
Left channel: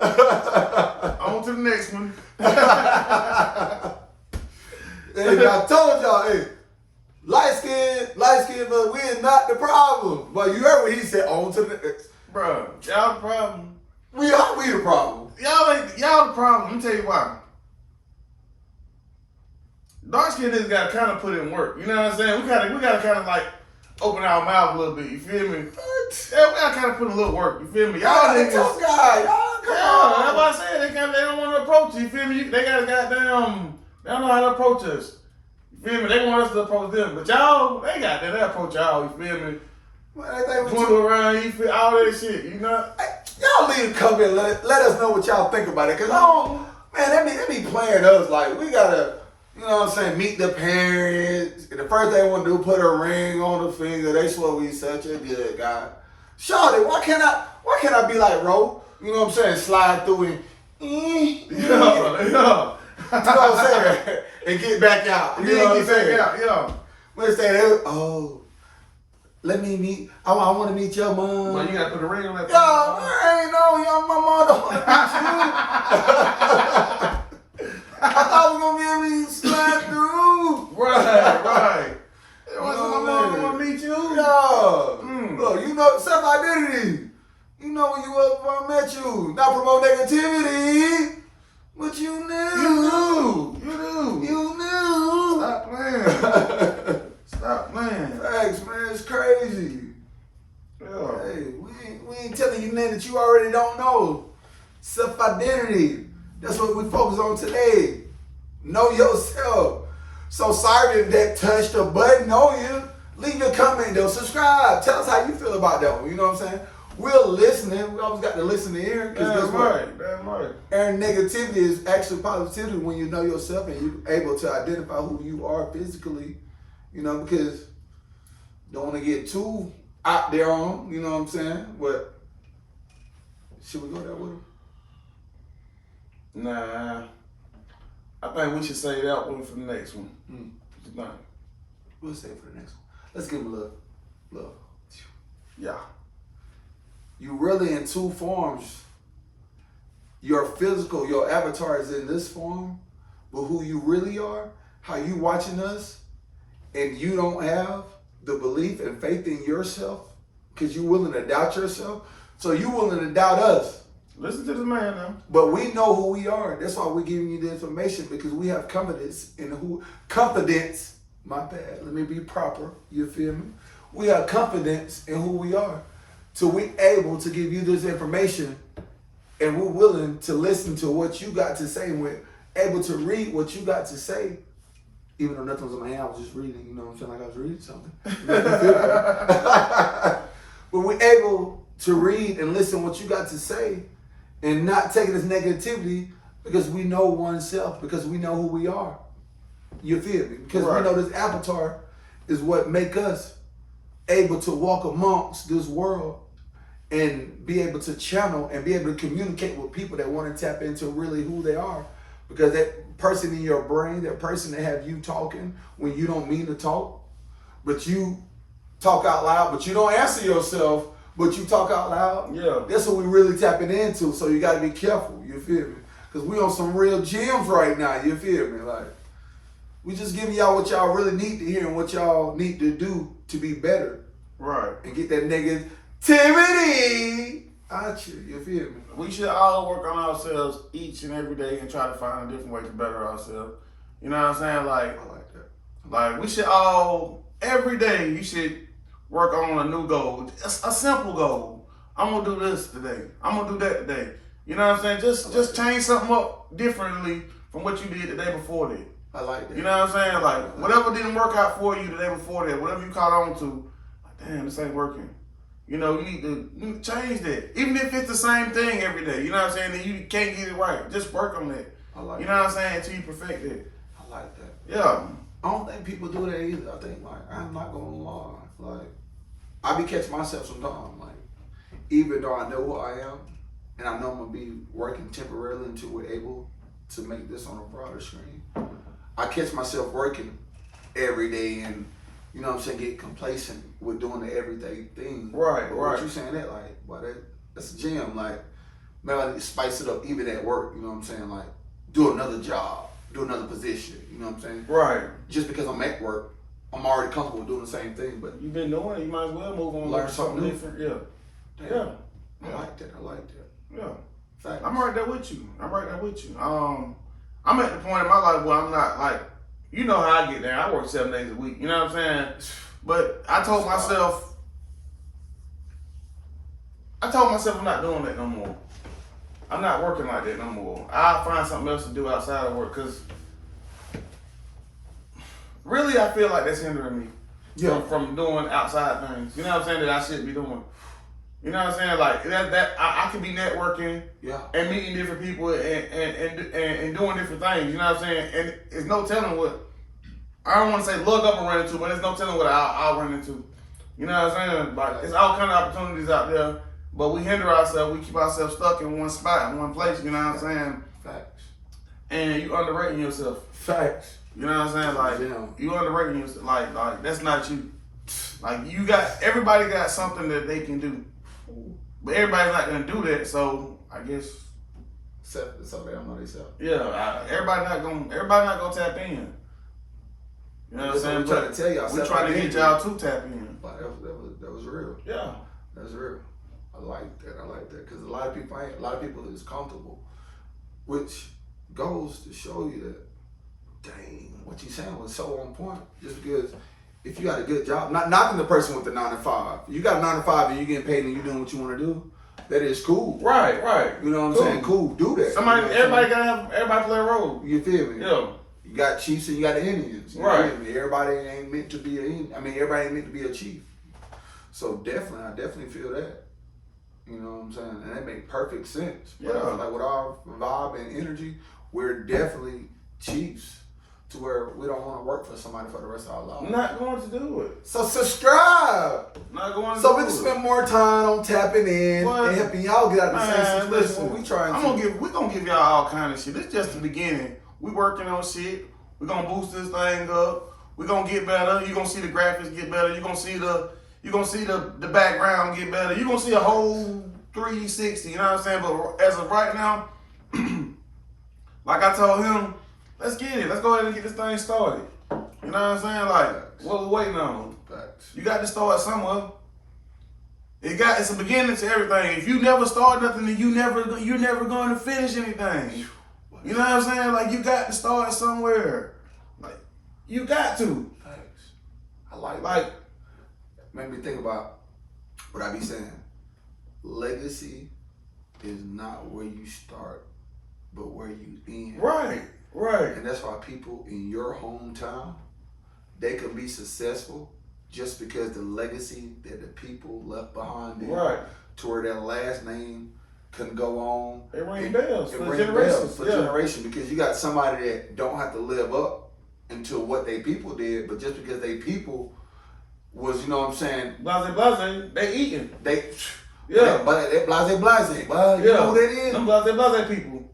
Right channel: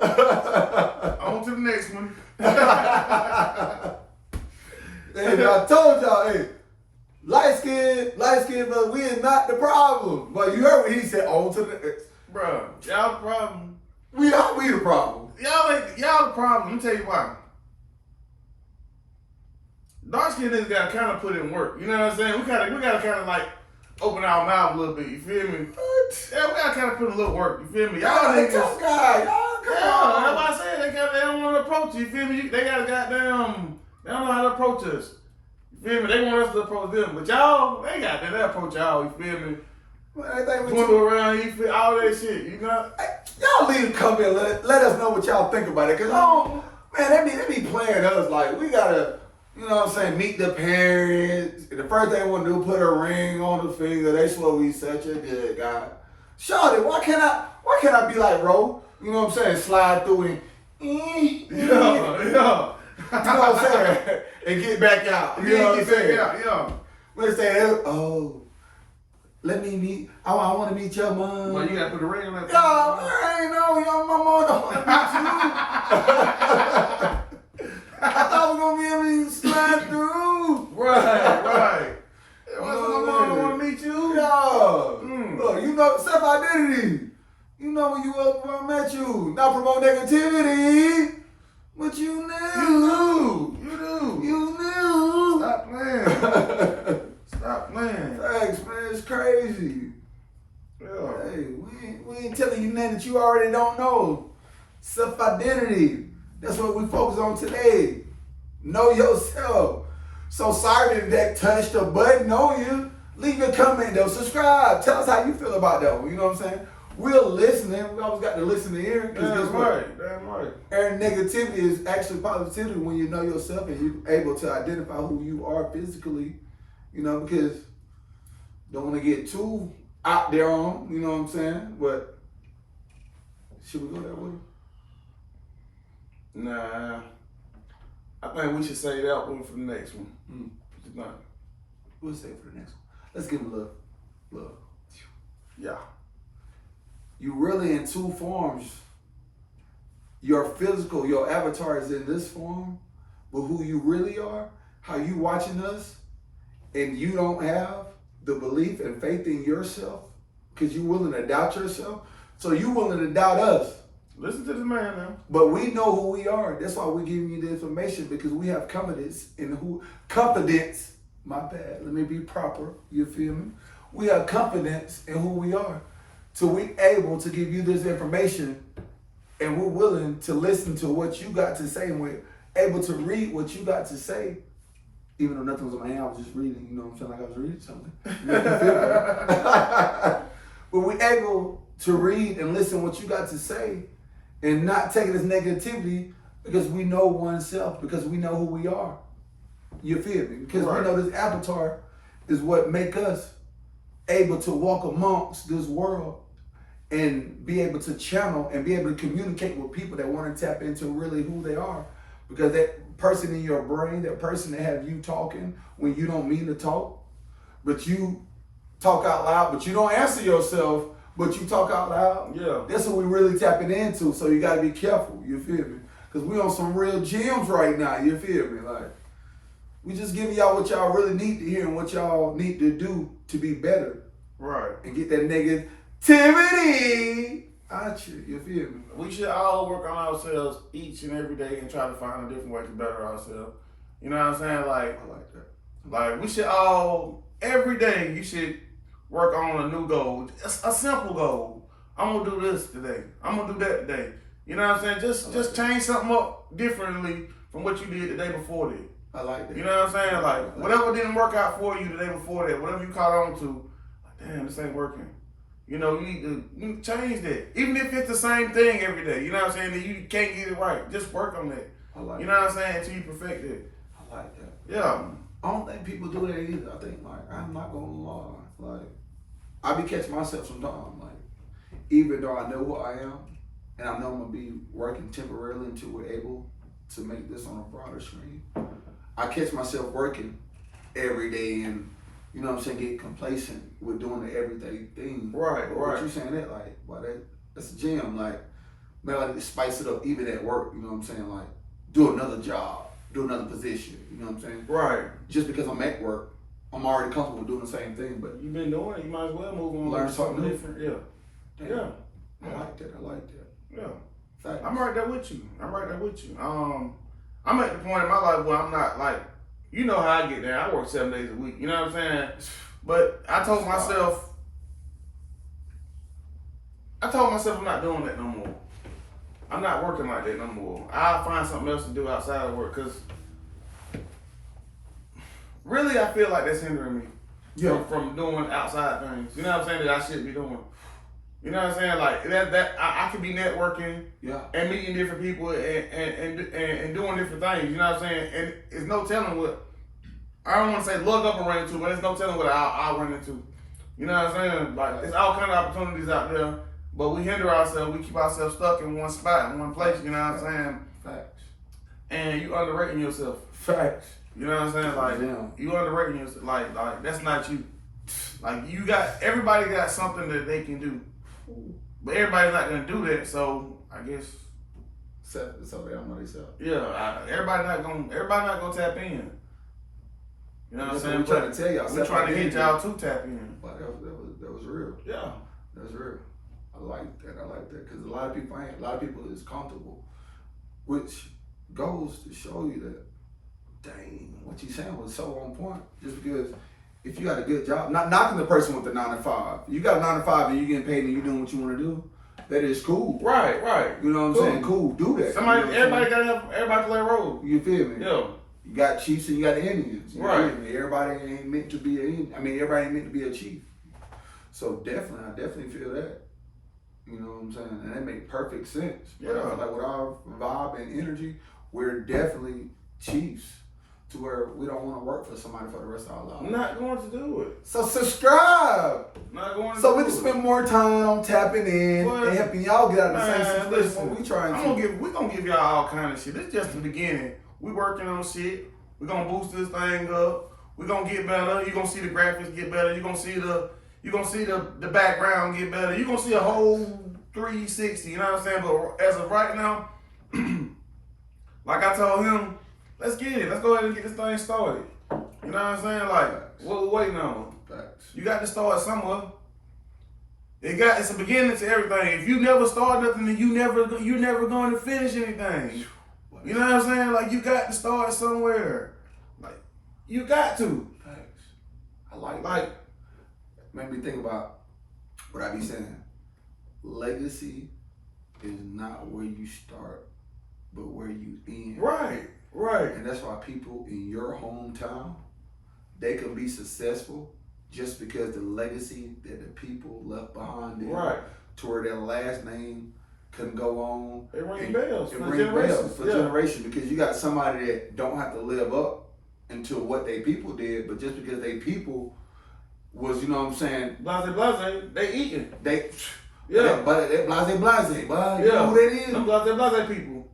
On to the next one. Hey, I told y'all, hey, light skin, but we is not the problem. But you heard what he said. On to the, Bro, y'all the problem. we the problem. Y'all the problem. Let me tell you why. Dark skin niggas gotta kind of put in work. You know what I'm saying? We gotta kind of like open our mouth a little bit. You feel me? What? Yeah, we gotta kind of put a little work. You feel me? Y'all the niggas. tough guy. Y'all come Yeah, on. that's what I said. They don't want to approach you. You feel me? They got a goddamn. They don't know how to approach us. You feel me? They want us to approach them, but y'all, they got that. They approach y'all. You feel me? Man, they think we Dwindle around. You feel all that shit. You know? Hey, y'all leave a comment. Let us know what y'all think about it. Cause man, they be playing us like we gotta, you know what I'm saying, meet the parents. And the first thing they want to do, put a ring on the finger. They swear we such a good guy. Shawty, why can't I be like Ro? You know what I'm saying? Slide through and Yeah. You know what I'm saying? And get back out. You know what I'm saying? Yeah. Let's say, oh, let me meet. I want to meet your mom. But you gotta put the ring on that. Yo, I ain't know your mama don't want to meet you. I thought we were gonna be able to slide through. Right. You What's know my what mom I mean? wanna meet you? Yo, Mm. look, you know self-identity. You know when you was before I met you. Not promote negativity, but you knew. You do. You knew. Stop playing. Stop playing. Thanks, man. It's crazy. Yeah. Hey, we ain't telling you nothing that you already don't know. Self-identity. That's what we focus on today. Know yourself. So sorry if that touched a button on you. Leave your comment though. Subscribe. Tell us how you feel about that one. You know what I'm saying? We're listening. We always got to listen to ear. Damn right. Damn right. And negativity is actually positivity when you know yourself and you're able to identify who you are physically. You know, because don't want to get too out there on, you know what I'm saying? But should we go that way? Nah. I think we should say that one for the next one. Mm. What you think? We'll save it for the next one. Let's give him a love. Yeah. You really in two forms. Your physical, your avatar is in this form, but who you really are, how you watching us, and you don't have the belief and faith in yourself because you're willing to doubt yourself. So you willing to doubt us. Listen to this man now. But we know who we are. That's why we're giving you the information because we have confidence in confidence. My bad. Let me be proper. You feel me? We have confidence in who we are. So we able to give you this information and we're willing to listen to what you got to say and we're able to read what you got to say. Even though nothing was in my hand, I was just reading, you know what I'm saying? Like I was reading something. But we're able to read and listen what you got to say and not take it as negativity because we know oneself, because we know who we are. You feel me? Because Right. we know this avatar is what make us able to walk amongst this world and be able to channel and be able to communicate with people that want to tap into really who they are. Because that person in your brain, that person that have you talking when you don't mean to talk, but you talk out loud, but you don't answer yourself, but you talk out loud. Yeah. That's what we really tapping into. So you got to be careful. You feel me? Because we on some real gems right now. You feel me? Like we just giving y'all what y'all really need to hear and what y'all need to do to be better Right. and get that negativity out you. You feel me? We should all work on ourselves each and every day and try to find a different way to better ourselves. You know what I'm saying? I like that. Like we should all, every day you should work on a new goal. A simple goal. I'm gonna do this today. I'm gonna do that today. You know what I'm saying? Just change something up differently from what you did the day before that. I like that. You know what I'm saying? Like whatever didn't work out for you the day before that, whatever you caught on to, like damn, this ain't working. You know, you need to change that. Even if it's the same thing every day, you know what I'm saying? That you can't get it right. Just work on that. I like You know what I'm saying? Until you perfect it. I like that. Yeah. I don't think people do that either. I think like I'm not gonna lie. Like I be catching myself sometimes. Like even though I know who I am and I know I'm gonna be working temporarily until we're able to make this on a broader screen, I catch myself working every day and you know what I'm saying, get complacent with doing the everyday thing. Right, But right. what you saying that like, boy, that's a gem. Like, man, I need to spice it up even at work. You know what I'm saying? Like, do another job, do another position. You know what I'm saying? Right. Just because I'm at work, I'm already comfortable doing the same thing. But You've been doing it. You might as well move on and Learn learn something something new. different. Yeah. damn, Yeah. I like that. I like that. Yeah. Thanks. I'm right there with you. I'm right there with you. I'm at the point in my life where I'm not like, you know how I get there. I work 7 days a week. You know what I'm saying? But I told myself I'm not doing that no more. I'm not working like that no more. I'll find something else to do outside of work, because really I feel like that's hindering me from doing outside things. You know what I'm saying, that I should be doing. You know what I'm saying? Like that I could be networking and meeting different people and doing different things. You know what I'm saying? And it's no telling what, I don't want to say look up and run into, but there's no telling what I'll run into. You know what I'm saying? Like, there's all kind of opportunities out there, but we hinder ourselves. We keep ourselves stuck in one spot, in one place. You know what I'm saying? Facts. And you underrating yourself. Facts. You know what I'm saying? Like, you underrating yourself. Like that's not you. Like, everybody got something that they can do, but everybody's not gonna do that. So I guess. So they don't know themselves. Yeah, everybody not gonna tap in. You know what I'm saying? We're trying to tell y'all. We're trying to get y'all to tap in. But that was real. Yeah, that's real. I like that because a lot of people is comfortable, which goes to show you that, dang, what you saying was so on point. Just because if you got a good job, not knocking the person with the 9 to 5, you got a 9 to 5 and you getting paid and you doing what you want to do, that is cool. Right. You know what I'm saying? Cool, do that. Everybody play a role. You feel me? Yeah. You got chiefs and you got the Indians. Right. Everybody ain't meant to be everybody ain't meant to be a chief. So I definitely feel that. You know what I'm saying? And that make perfect sense. But I feel like with our vibe and energy, we're definitely chiefs to where we don't want to work for somebody for the rest of our lives. Not going to do it. So subscribe. Not going to so do we it. can spend more time on tapping in and helping y'all get out of the same situation we trying to. We're gonna give y'all all kind of shit. This is just the beginning. We working on shit. We're gonna boost this thing up. We're gonna get better. You're gonna see the graphics get better. You're gonna see the background get better. You're gonna see a whole 360, you know what I'm saying? But as of right now, like I told him, let's get it. Let's go ahead and get this thing started. You know what I'm saying? Like, what we waiting on? Facts. You got to start somewhere. It's a beginning to everything. If you never start nothing, then you're never going to finish anything. You know what I'm saying? Like, you got to start somewhere. Like, you got to. Thanks. I like make me think about what I be saying. Legacy is not where you start, but where you end. Right. And that's why people in your hometown, they can be successful just because the legacy that the people left behind them, to where their last name can go on. It rings bells for generations. Because you got somebody that don't have to live up into what they people did, but just because they people was, you know what I'm saying? Blase, they eating. But they blase. But you know who that is? Them blase people.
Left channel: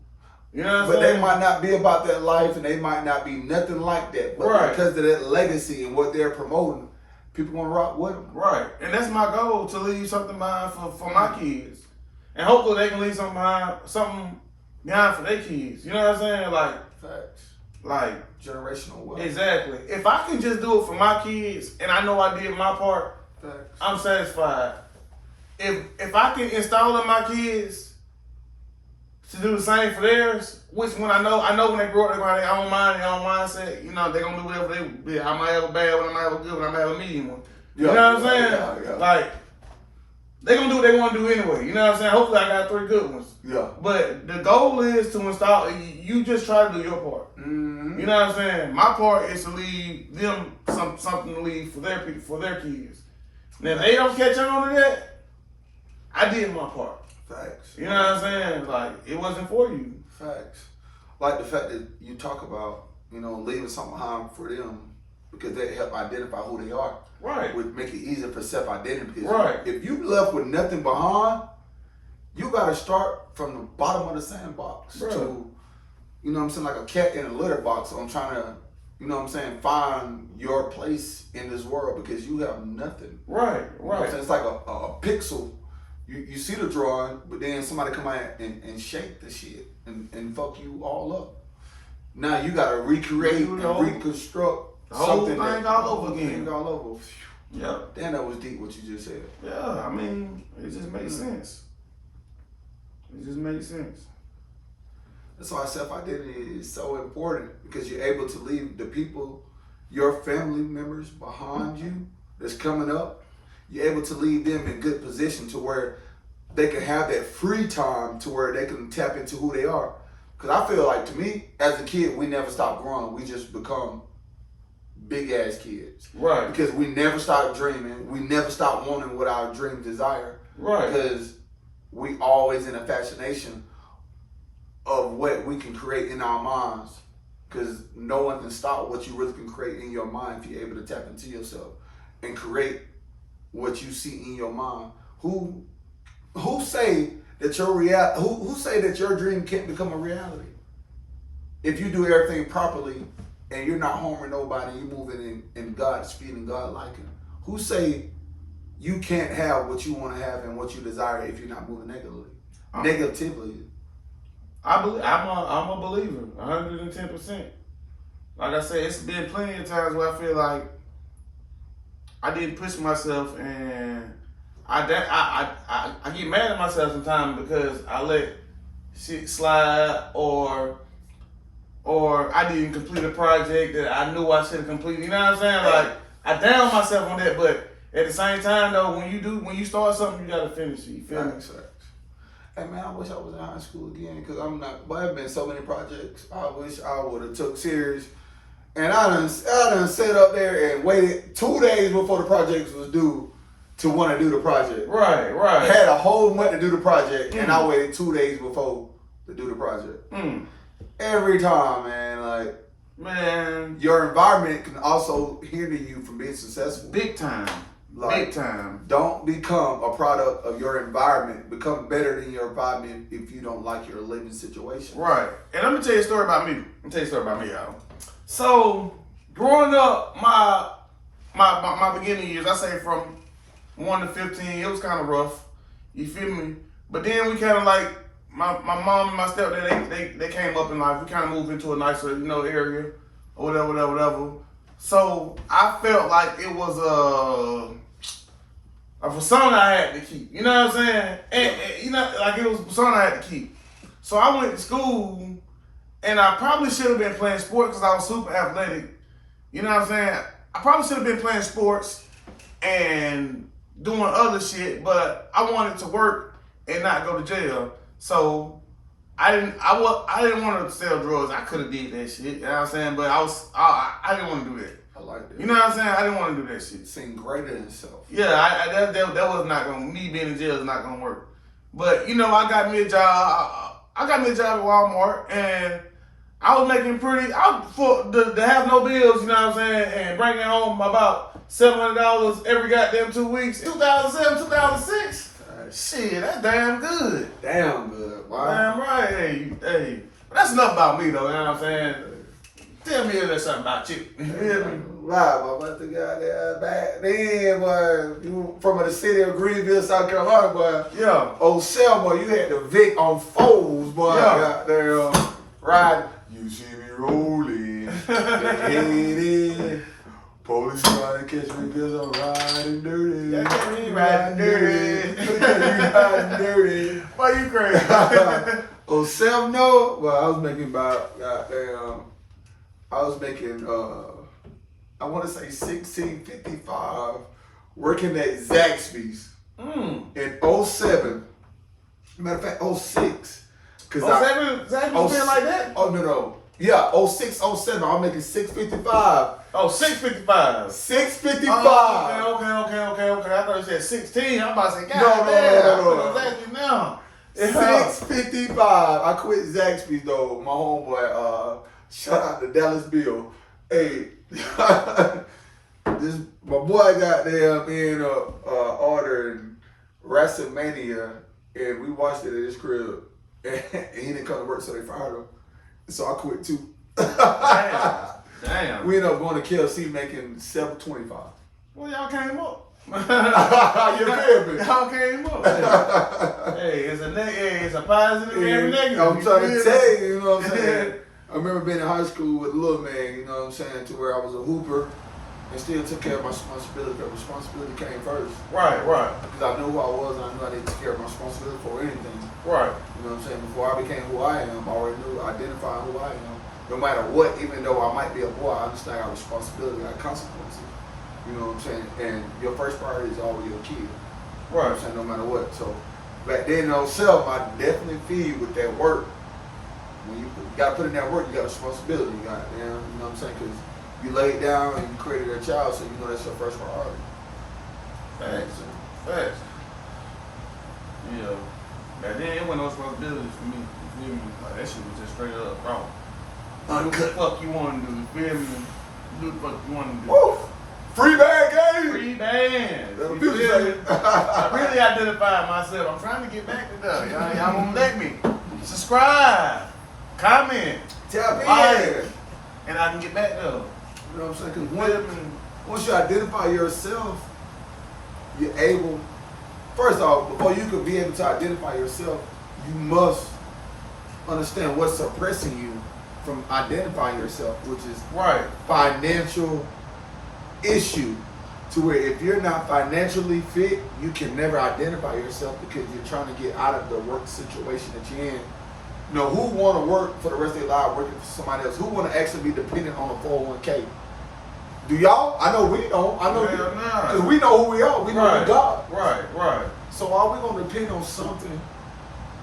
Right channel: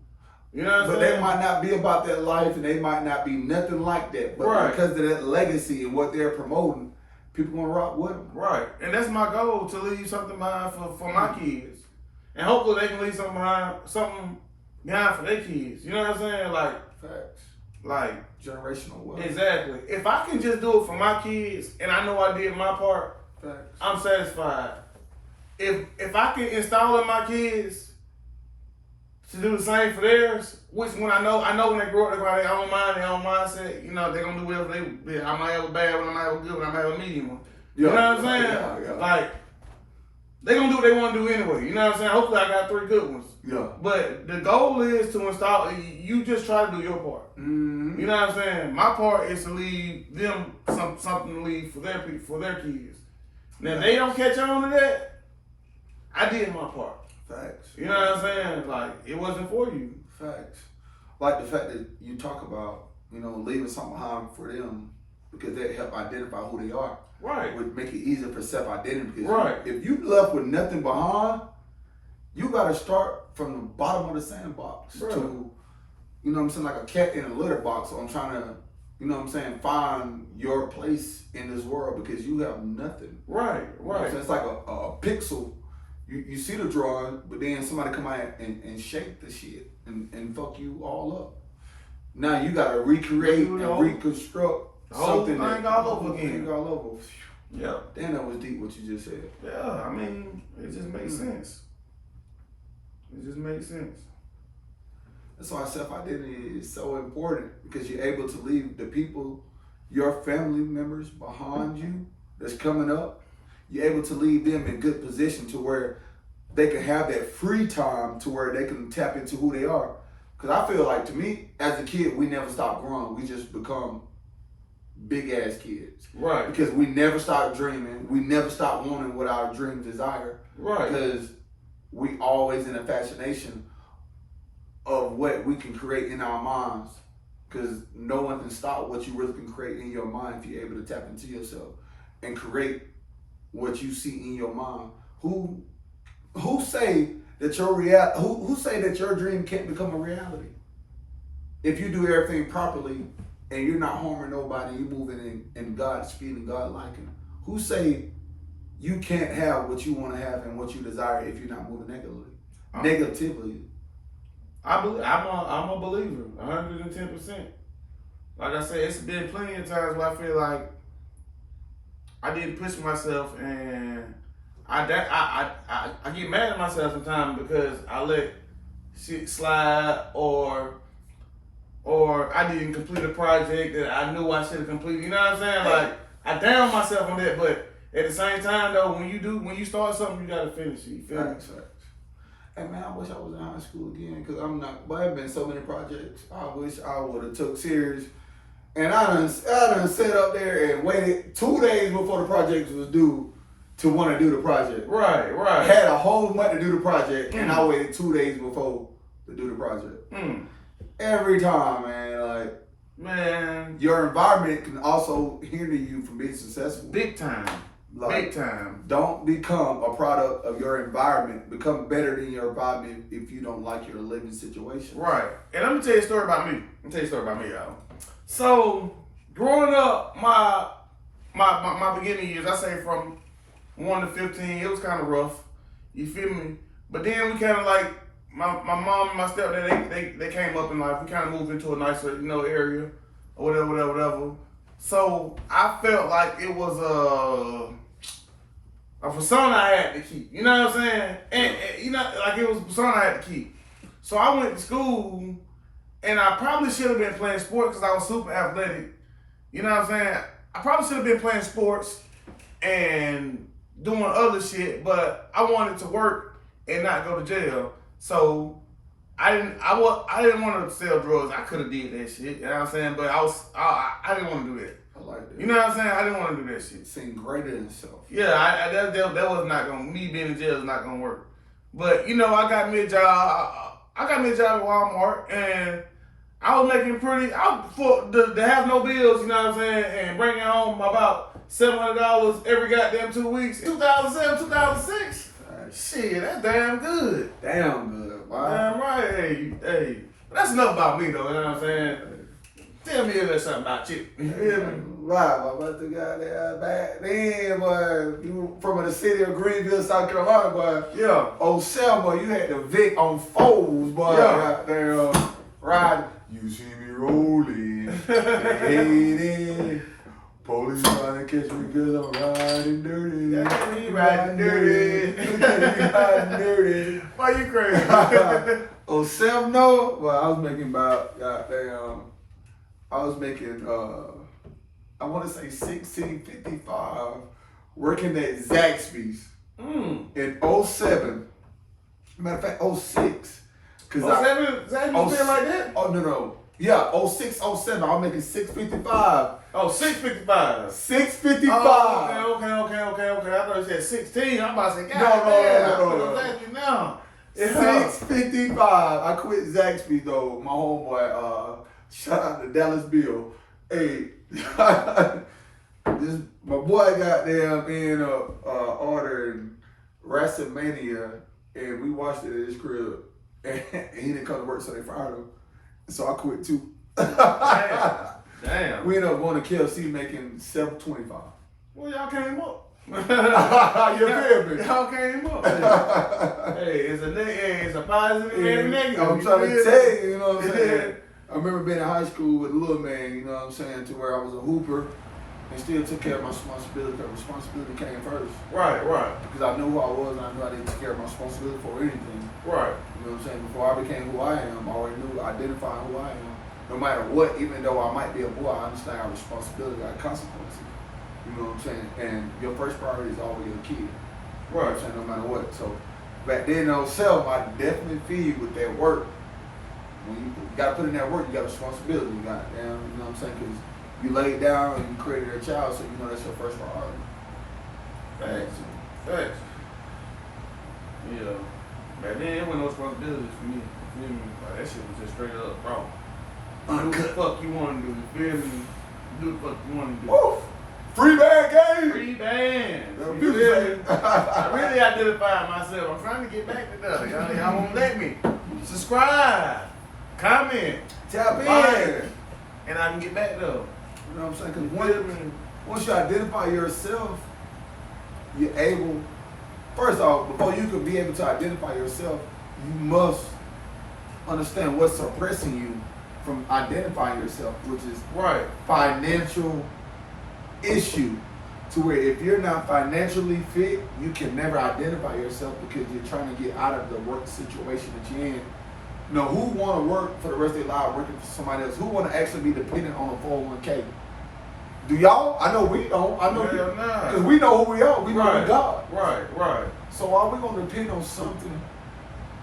You know what I'm saying? They might not be about that life and they might not be nothing like that. But because of that legacy and what they're promoting, people gonna rock with them. Right. And that's my goal, to leave something behind for my kids. And hopefully they can leave something behind for their kids. You know what I'm saying? Like, facts. Like generational wealth. Exactly. If I can just do it for my kids and I know I did my part, facts. I'm satisfied. If I can install in my kids to do the same for theirs, which when I know when they grow up, they're going to have their own mind, their own mindset. You know, they're going to do whatever they. I might have a bad one, I might have a good one, I might have a medium one. You know what I'm saying? Yeah. Like, they're going to do what they want to do anyway. You know what I'm saying? Hopefully I got 3 good ones. Yeah. But the goal is to install, you just try to do your part. Mm-hmm. You know what I'm saying? My part is to leave them something to leave for their kids. Now, if they don't catch on to that, I did my part. Facts. You know what I'm saying? Like, it wasn't for you. Facts. Like the fact that you talk about, you know, leaving something behind for them because they help identify who they are. Right. Would make it easier for self-identity. Because if you left with nothing behind, you got to start from the bottom of the sandbox to, you know what I'm saying, like a cat in a litter box. So I'm trying to, you know what I'm saying, find your place in this world because you have nothing. Right. You know what I'm saying? It's like a pixel. You see the drawing, but then somebody come out and shake the shit and fuck you all up. Now you gotta recreate and reconstruct something all over again. All over. Yeah. Damn, that was deep what you just said. Yeah, I mean, it just makes sense. It just makes sense. That's why self-identity is so important because you're able to leave the people, your family members behind you that's coming up, you're able to leave them in good position to where they can have that free time to where they can tap into who they are. Because I feel like, to me, as a kid, we never stop growing. We just become big ass kids. Right. Because we never stop dreaming. We never stop wanting what our dreams desire. Right. Because we always in a fascination of what we can create in our minds. Because no one can stop what you really can create in your mind if you're able to tap into yourself and create what you see in your mind. Who say that who say that your dream can't become a reality? If you do everything properly and you're not harming nobody, you're moving in God's speed and God liking. Who say you can't have what you want to have and what you desire if you're not moving negatively? I'm a believer, 110%. Like I said, it's been plenty of times where I feel like I didn't push myself, and I get mad at myself sometimes because I let shit slide, or I didn't complete a project that I knew I should have completed. You know what I'm saying? Like, I down myself on that, but at the same time though, when you start something, you gotta finish it. You feel me? Hey man, I wish I was in high school again, because I'm not. But I've been so many projects I wish I would have took serious. And I done sat up there and waited 2 days before the project was due to want to do the project. Right. Had a whole month to do the project, and I waited 2 days before to do the project. Every time, man, your environment can also hinder you from being successful. Big time. Big time. Don't become a product of your environment. Become better than your environment if you don't like your living situation. Right. And let me tell you a story about me. Y'all. So, growing up, my beginning years, I say from 1 to 15, it was kind of rough. You feel me? But then we kind of like, my mom and my stepdad, they came up in life. We kind of moved into a nicer, area, or whatever. So, I felt like it was a persona I had to keep. You know what I'm saying? And like it was a persona I had to keep. So I went to school, and I probably should have been playing sports because I was super athletic. You know what I'm saying? I probably should have been playing sports and doing other shit, but I wanted to work and not go to jail. So I didn't want to sell drugs. I could have did that shit. You know what I'm saying? But I didn't want to do that. I like that. You know what I'm saying? I didn't want to do that shit. Seem greater than self. Yeah, that was not gonna. Me being in jail is not gonna work. But I got me a job. I got me a job at Walmart, and I was making to have no bills. You know what I'm saying? And bringing home about $700 every goddamn 2 weeks. 2007, 2006. Shit, that's damn good. Damn good. Wow. Damn right. Hey. That's enough about me though. You know what I'm saying? Tell me if there's something about you. You hear me? Right, but the guy there back then, boy, you from the city of Greenville, South Carolina, boy. Yeah. Oh, Selma, you had the Vic on foes, boy. Yeah. There, riding. You see me rolling, headed. Police trying to catch me because I'm riding dirty. Yeah, riding dirty. Riding dirty. Why you crazy? Oh, Selma, no. Well, I was making about goddamn. I was making, I want to say $16.55 working at Zaxby's in 07. Matter of fact, 06. 07? Zaxby's been like that? Oh, no. Yeah, 06, 07. I was making $6.55. Oh, $6.55. $6.55. Oh, okay. I thought you said 16. I'm about to say, No. $6.55. I quit Zaxby's though. My homeboy, shout out to Dallas Bill. Hey, my boy got there in ordering WrestleMania, and we watched it at his crib, and he didn't come to work, so they fired him. So I quit too. Damn. We ended up going to KFC making $7.25. Well, y'all came up. You feel me? Y'all came up. Hey, it's a positive and negative. I'm trying to tell you, you know what I'm saying? I remember being in high school with a little man, you know what I'm saying, to where I was a hooper and still took care of my responsibility, because responsibility came first. Right. Because I knew who I was, and I knew I didn't take care of my responsibility for anything. Right. You know what I'm saying? Before I became who I am, I already knew, identifying who I am. No matter what, even though I might be a boy, I understand I got responsibility, I got consequences. You know what I'm saying? And your first priority is always your kid. You know what Right. I'm saying? No matter what. So back then, self, I definitely feel you with that work. When you got to put in that work, you got responsibility. You got, you know what I'm saying? Because you laid down and you created a child, so you know that's your first priority. Facts. Facts. Yeah. Back then, it wasn't no responsibilities for me. You feel me? Like, that shit was just straight up wrong. Do what the fuck you want to do. You feel me? Do the fuck you want to do. Woo! Free band game! Free bands. That's what You people feel say. me? I really identified myself. I'm trying to get back to that. Y'all won't let me. Subscribe. Comment. Tap in. Like, and I can get back there. You know what I'm saying? You Because feel me? once you identify yourself, you're able, first off, before you can be able to identify yourself, you must understand what's suppressing you from identifying yourself, which is Right. financial issue. To where if you're not financially fit, you can never identify yourself because you're trying to get out of the work situation that you're in. You know, who want to work for the rest of their life working for somebody else? Who want to actually be dependent on a 401k? Do y'all? I know we don't. I know Hell nah. because we know who we are. We know Right. God. Right. So are we gonna depend on something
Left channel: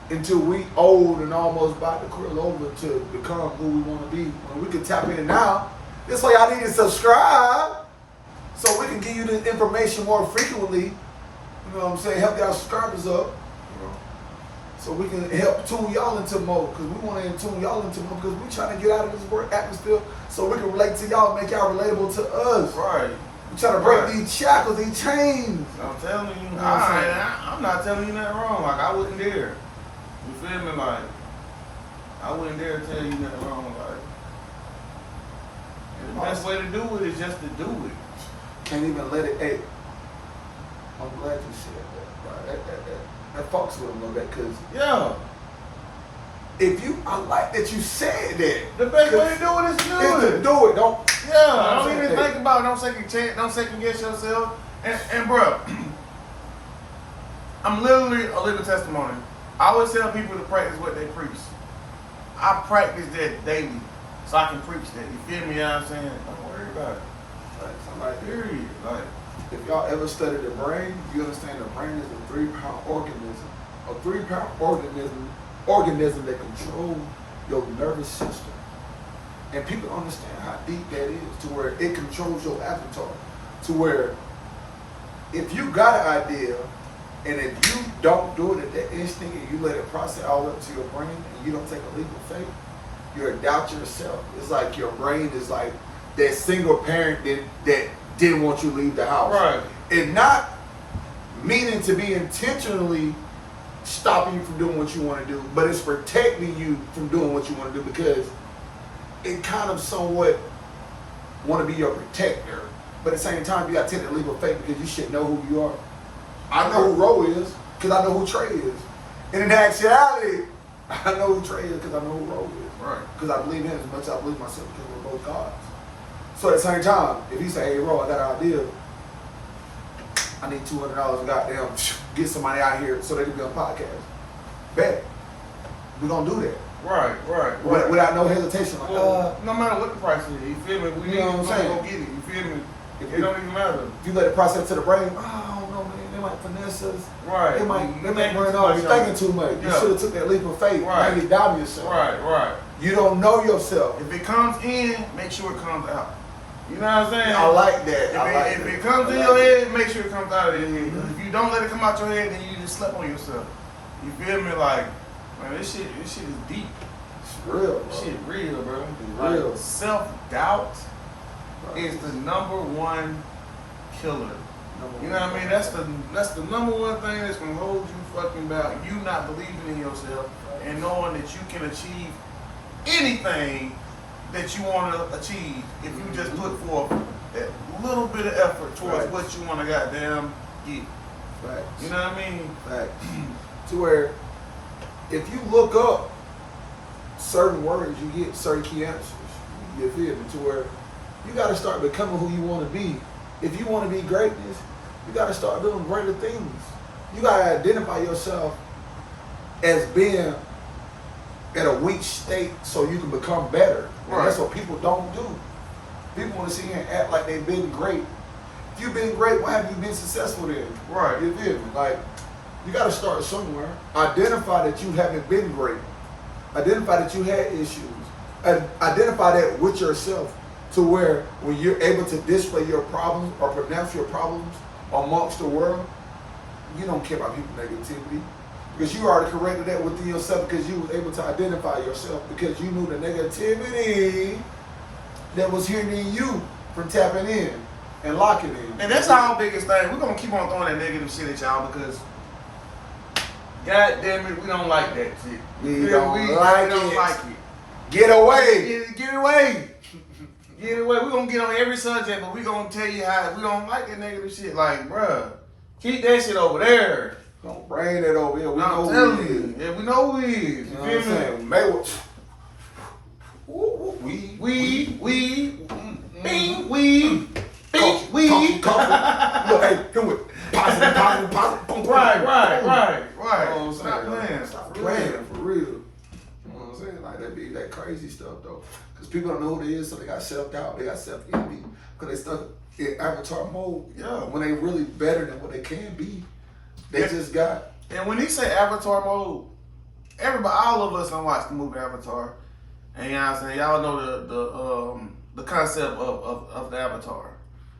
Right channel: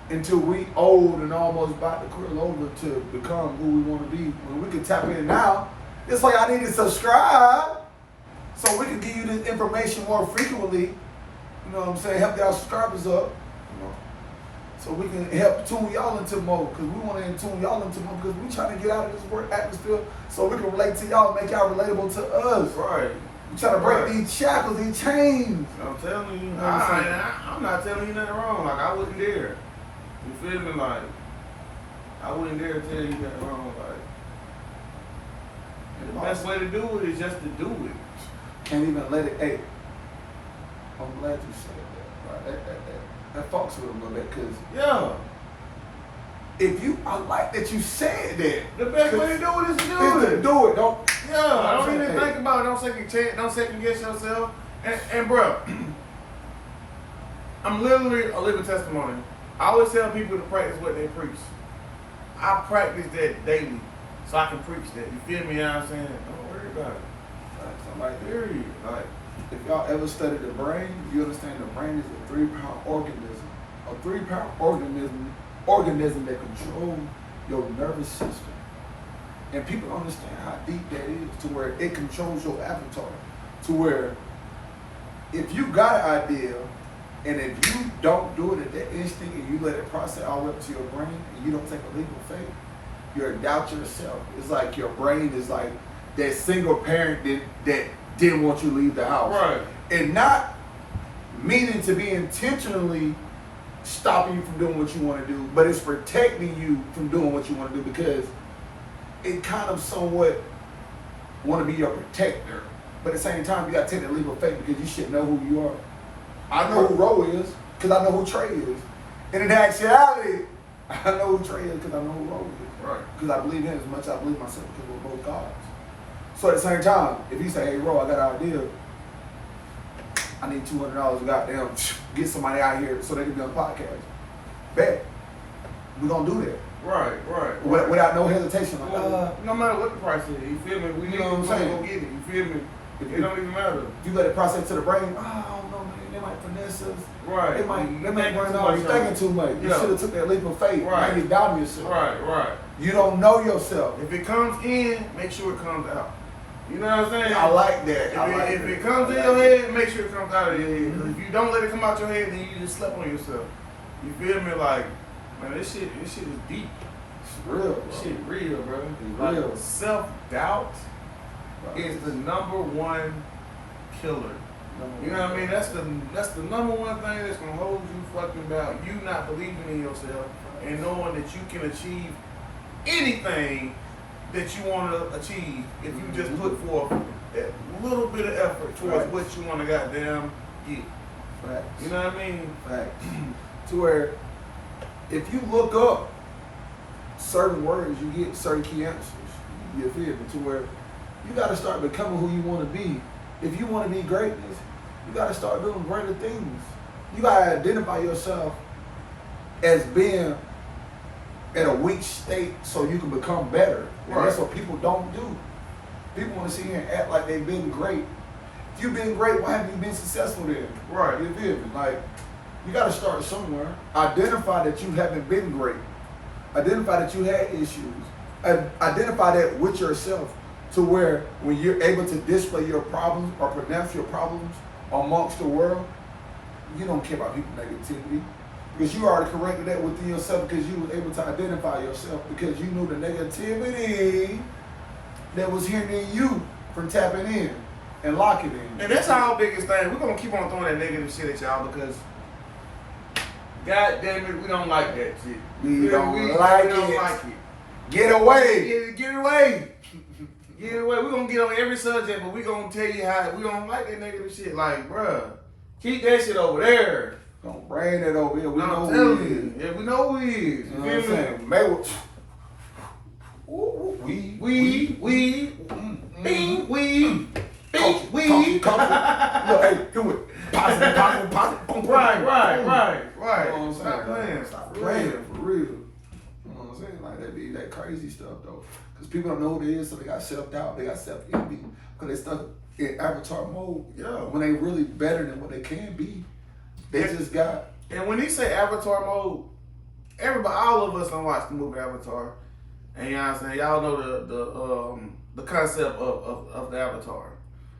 until we old and almost about to curl over to become who we want to be? When we can tap in now, that's why y'all need to subscribe so we can give you this information more frequently. You know what I'm saying? Help y'all subscribers up. So we can help tune y'all into more, because we want to tune y'all into more, because we trying to get out of this work atmosphere so we can relate to y'all, make y'all relatable to us. Right. We trying to break Right. these shackles, these chains. I'm telling you, know what I'm saying? I'm not telling you nothing wrong. Like, I wouldn't dare. You feel me? Like, I wouldn't dare tell you nothing wrong. Like, and the best way to do it is just to do it. Can't even let it. Hey, I'm glad you said that. Right? That fucks with them a little bit, because Yeah. if you, I like that you said that. The best way to do it is to do Is to it. do it. Don't. Yeah, I'm don't saying, even hey. think about it. Don't second guess yourself. And bro, I'm literally a living testimony. I always tell people to practice what they preach. I practice that daily, so I can preach that. You feel me? You know what I'm saying? Don't worry about it. Like, Period. Like, if y'all ever studied the brain, you understand the brain is a 3-pound organism. A 3-pound organism that controls your nervous system. And people don't understand how deep that is, to where it controls your avatar. To where if you got an idea, and if you don't do it at that instinct and you let it process all the way up to your brain and you don't take a leap of faith, you're a doubt yourself. It's like your brain is like that single parent that didn't want you to leave the house. right. And not meaning to be intentionally stopping you from doing what you want to do, but it's protecting you from doing what you want to do, because it kind of somewhat want to be your protector. But at the same time, you got to take that leap of faith, because you should know who you are. I know who Ro is because I know who Trey is. And in actuality, I know who Trey is because I know who Ro is. Right. Because I believe him as much as I believe myself, because we're both gods. So at the same time, if you say, hey, Ro, I got an idea, I need $200 to goddamn get somebody out here so they can be on a podcast. Bet. We're going to do that. Right. Without no hesitation. Like, No matter what the price is, you feel me? We You know what I'm saying? Go get it. You feel me? If It don't even matter. If you let it process to the brain, oh, I don't know, man, they might finesse us. Right. They might You run thinking on. too You're much thinking on it. too much. You Yeah. should have took that leap of faith. Right. Now you're doubting yourself. Right. You don't know yourself. If it comes in, make sure it comes out. You know what I'm saying? I like that. If it comes in your head, make sure it comes out of your head. If you don't let it come out your head, then you just slept on yourself. You feel me? Like, man, this shit is deep. It's real, bro. This shit real, bro. It's Like, real. self-doubt is the #1 killer. You know what I mean? That's the #1 thing that's gonna hold you fucking back. You not believing in yourself and knowing that you can achieve anything that you want to achieve if you just put forth a little bit of effort towards Right. what you want to goddamn get. Facts. You know what I mean? Facts. To where, if you look up certain words, you get certain key answers. You feel me? To where you got to start becoming who you want to be. If you want to be greatness, you got to start doing greater things. You got to identify yourself as being at a weak state so you can become better. And Right. that's what people don't do. People want to sit here and act like they've been great If you've been great, why have you been successful then? Right. You feel me? Like, you got to start somewhere. Identify that you haven't been great. Identify that you had issues. Identify that with yourself to where when you're able to display your problems or pronounce your problems amongst the world, you don't care about people's negativity. Because you already corrected that within yourself because you was able to identify yourself because you knew the negativity that was hindering you from tapping in and locking in. And that's our biggest thing. We're gonna keep on throwing that negative shit at y'all because God damn it, we don't like that shit. We don't like it. Get away. Get away. Get away. We're gonna get on every subject, but we're gonna tell you how we don't like that negative shit. Like, bruh, keep that shit over there. Don't bring it over here. We know I'm who telling he is. you. Yeah, we know who he is. You know what I'm saying? Mayweather. Look, hey, do it. Positive. Right. You know what I'm Stop saying? playing. Stop playing for real. You know what I'm saying? Like that be that crazy stuff though. Because people don't know who it is, so they got self-doubt, they got self-envy. Because they stuck in avatar mode. Yeah. When they really better than what they can be. They just got. And when he say avatar mode, everybody, all of us done watched the movie Avatar. And you know what I'm saying? Y'all know the concept of the avatar.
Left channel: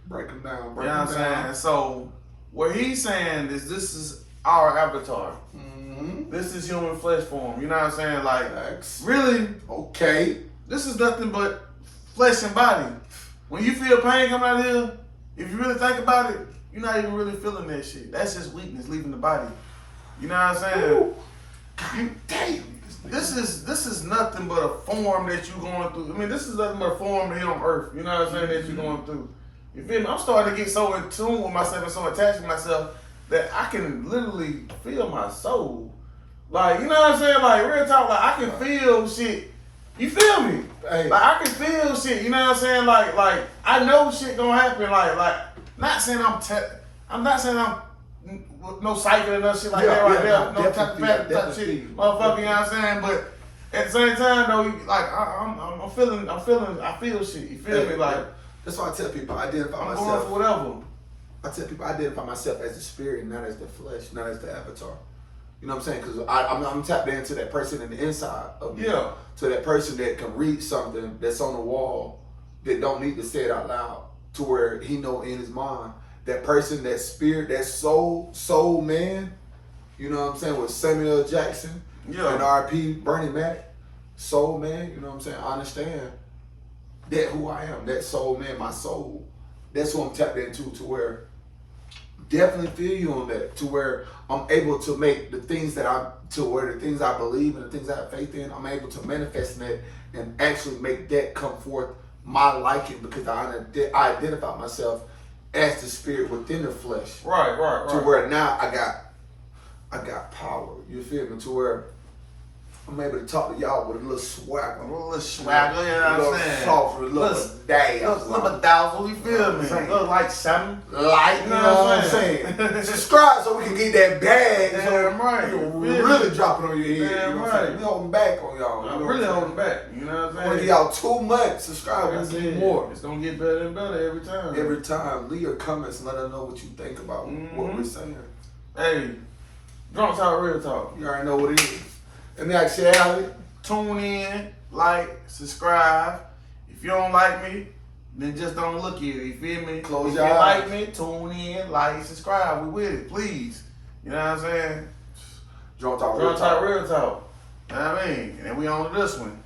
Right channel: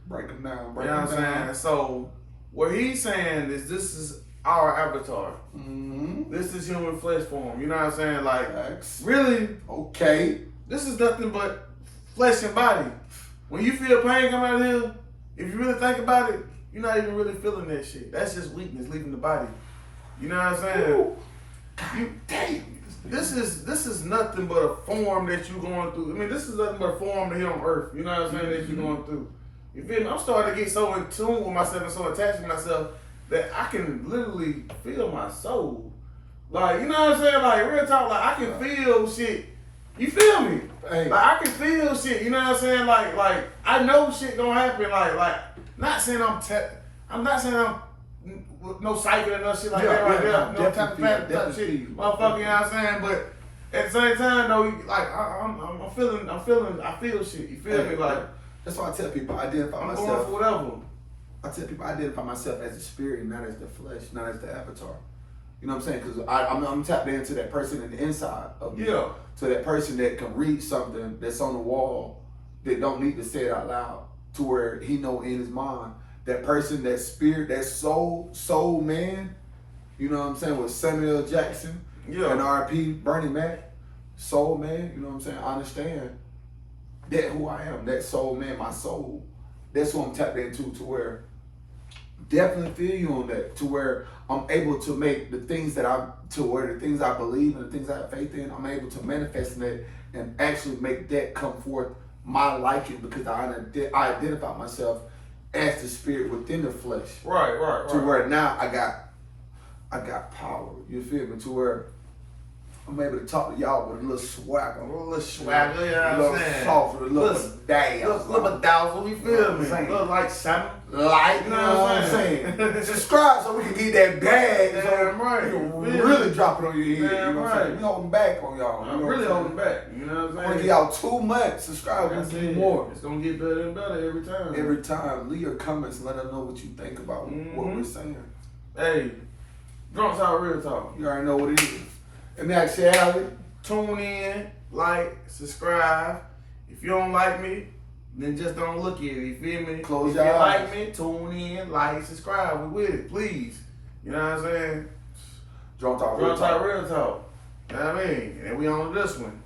Break them down. You know what I'm saying? So what he's saying is this is our avatar. Mm-hmm. This is human flesh form. You know what I'm saying? Like, Facts. really, Okay. this is nothing but flesh and body. When you feel pain coming out of here, if you really think about it, you're not even really feeling that shit. That's just weakness leaving the body. You know what I'm saying? Damn. This is nothing but a form that you're going through. I mean, this is nothing but a form here on earth. You know what I'm saying? That you're going through. You feel me? I'm starting to get so in tune with myself and so attached to myself that I can literally feel my soul. Like, you know what I'm saying? Like, real talk, like, I can feel shit. You feel me? Hey. Like, I can feel shit. You know what I'm saying? Like I know shit gonna happen. Like, not saying I'm not saying I'm no psychic or no shit like that right there. No type shit, motherfucker. You know what I'm saying? But at the same time, though, like I feel shit. You feel me? Like, that's why I tell people I identify I'm myself. going for whatever. I tell people I identify myself as the spirit, not as the flesh, not as the avatar. You know what I'm saying? Because I'm tapped into that person in the inside of me. Yeah. To that person that can read something that's on the wall that don't need to say it out loud to where he know in his mind. That person, that spirit, that soul man, you know what I'm saying, with Samuel L. Jackson and R.I.P. Bernie Mac, soul man, you know what I'm saying, I understand that who I am, that soul man, my soul, that's who I'm tapped into to where definitely feel you on that, to where I'm able to make the things that the things I believe and the things I have faith in, I'm able to manifest in that and actually make that come forth my liking because I identify myself as the spirit within the flesh. Right. To where now I got power. You feel me? To where I'm able to talk to y'all with a little swagger. A little swagger, you know what I'm saying? Soft, a little dazzle. Little dazzle, you feel me? Little like something. Light, you know what I'm saying? Subscribe so we can get that bag. Damn right. You really drop it on your head. Damn you know what I'm saying? We holding back on y'all. I'm really holding back. You know what I'm I'm gonna saying? give y'all 2 months. Subscribe, we'll give you more. It's gonna get better and better every time. Every time, leave your comments and let us know what you think about what we're saying. Hey, Drunk Talk, Real Talk. You already know what it is. And then I say, Allie, Tune in, like, subscribe. If you don't like me, then just don't look at it. You feel me? Close if your you eyes. like me, tune in, like, subscribe. We with it, please. You know what I'm saying? Drunk Talk, Drunk Talk, Real Talk. You know what I mean? And we on to this one.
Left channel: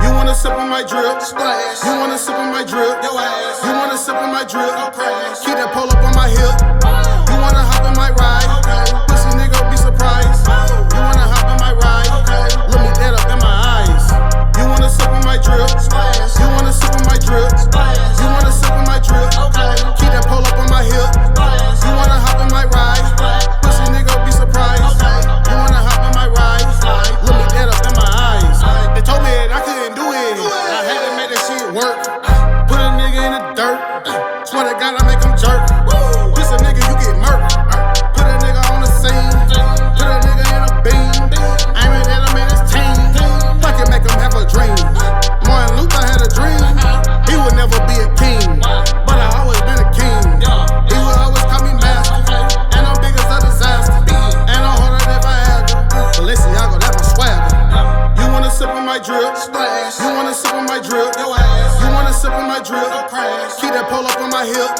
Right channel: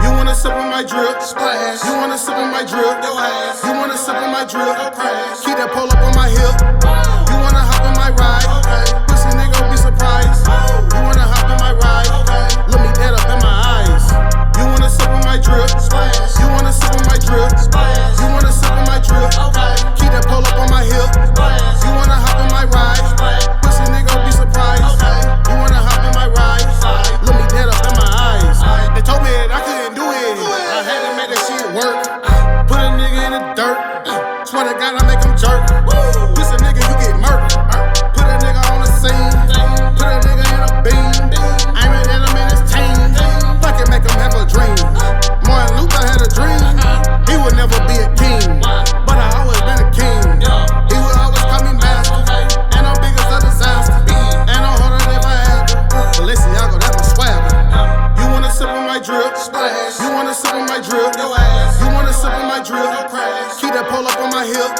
You wanna sip on my drip? Splash. You wanna sip on my drip? Your ass. You wanna sip on my drip? Don't crash. Keep that pole up on my hip. You wanna hop on my ride? Okay. Pussy nigga be surprised. You wanna hop on my ride? Okay. Look me dead up in my eyes. You wanna sip on my drip? Splash. You wanna sip on my drip? Splash. You wanna sip on my drip? Okay. Keep that pole up on my hip. Splash. You wanna hop on my ride? Splash. Pussy nigga be surprised. Okay. You wanna hop on my ride? Look me dead up in my eyes. They told me that I couldn't do it. I had to make that shit work. Put a nigga in the dirt. Swear to God I make him jerk. This a nigga you get murked. Put a nigga on the scene. Put a nigga in a beam. Aiming at him in his team. Fucking make him have a dream. Martin Luther had a dream. never be a king, but I always been a king. He will always call me master, and I'm big as a disaster, and I'm harder than Viagra. Balenciaga, that's my swagger. You wanna sip on my drip? Splash. You wanna sip on my drip? Your ass. You wanna sip on my drip? Don't crash. Keep that pole up on my hip.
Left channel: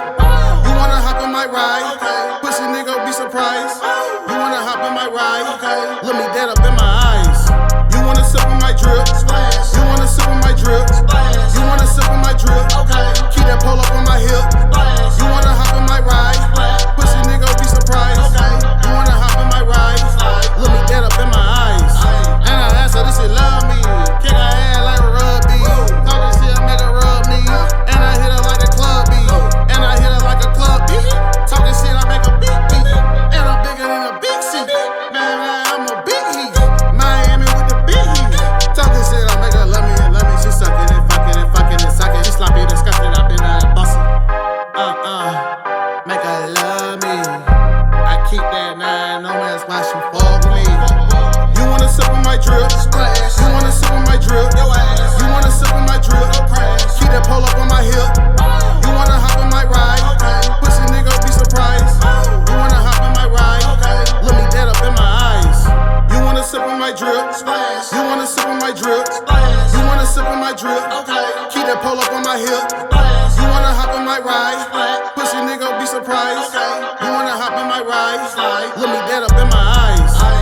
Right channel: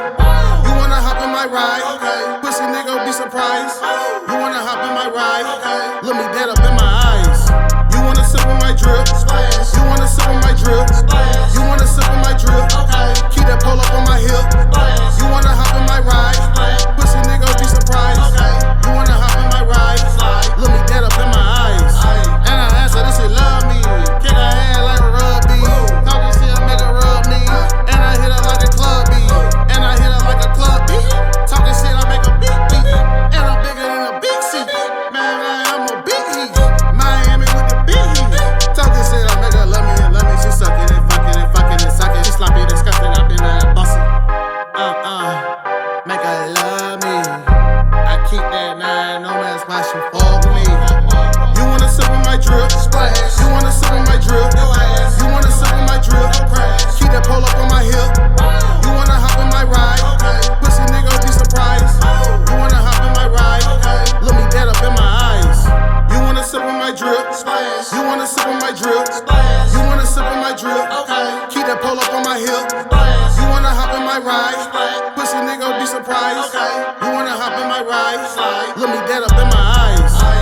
You wanna hop in my ride? Okay. Pussy nigga, be surprised. You wanna hop in my ride? Okay. Look me dead up in my eyes. You wanna sip on my drip? Splash. You wanna sip on my drip? Splash. You wanna sip on my drip? Okay. Keep that pole up on my hip. Splash. You wanna hop in my ride? Splash. Pussy nigga, be surprised. Okay. You wanna hop in my ride? Slide. Look me dead up in my eyes. And I asked her, this shit love me. Kick her head like a rugby. Talking shit, make her rub me. And I hit her like a club beat. And I hit her like a club beat. Talking shit, I make a beat beat. And I'm bigger than a big seat. Man, I'm a big heat. Miami with the big heat. Talking shit, I make her love me and love me. She sucking and fucking and fucking and sucking. She sloppy, disgusting, I been that bossy. Make her love me. I keep that 9, no man's why she fuck with me. You wanna sip on my drip? Splash. You wanna sip on my drip? Your ass. You wanna sip on my drip? Don't crash. Keep that pole up on my hip. You wanna hop in my ride? Okay. Pussy nigga, be surprised. You wanna hop in my ride? Okay. Look me dead up in my eyes. You wanna sip on my drip? Splash. You wanna sip on my drip? Splash. You wanna sip on my drip? Okay. Keep that pole up on my hip. Splash. You wanna hop in my ride? Splash. Pussy nigga, be surprised. Okay. You wanna hop in my ride? Slide. Look me dead up in my eyes.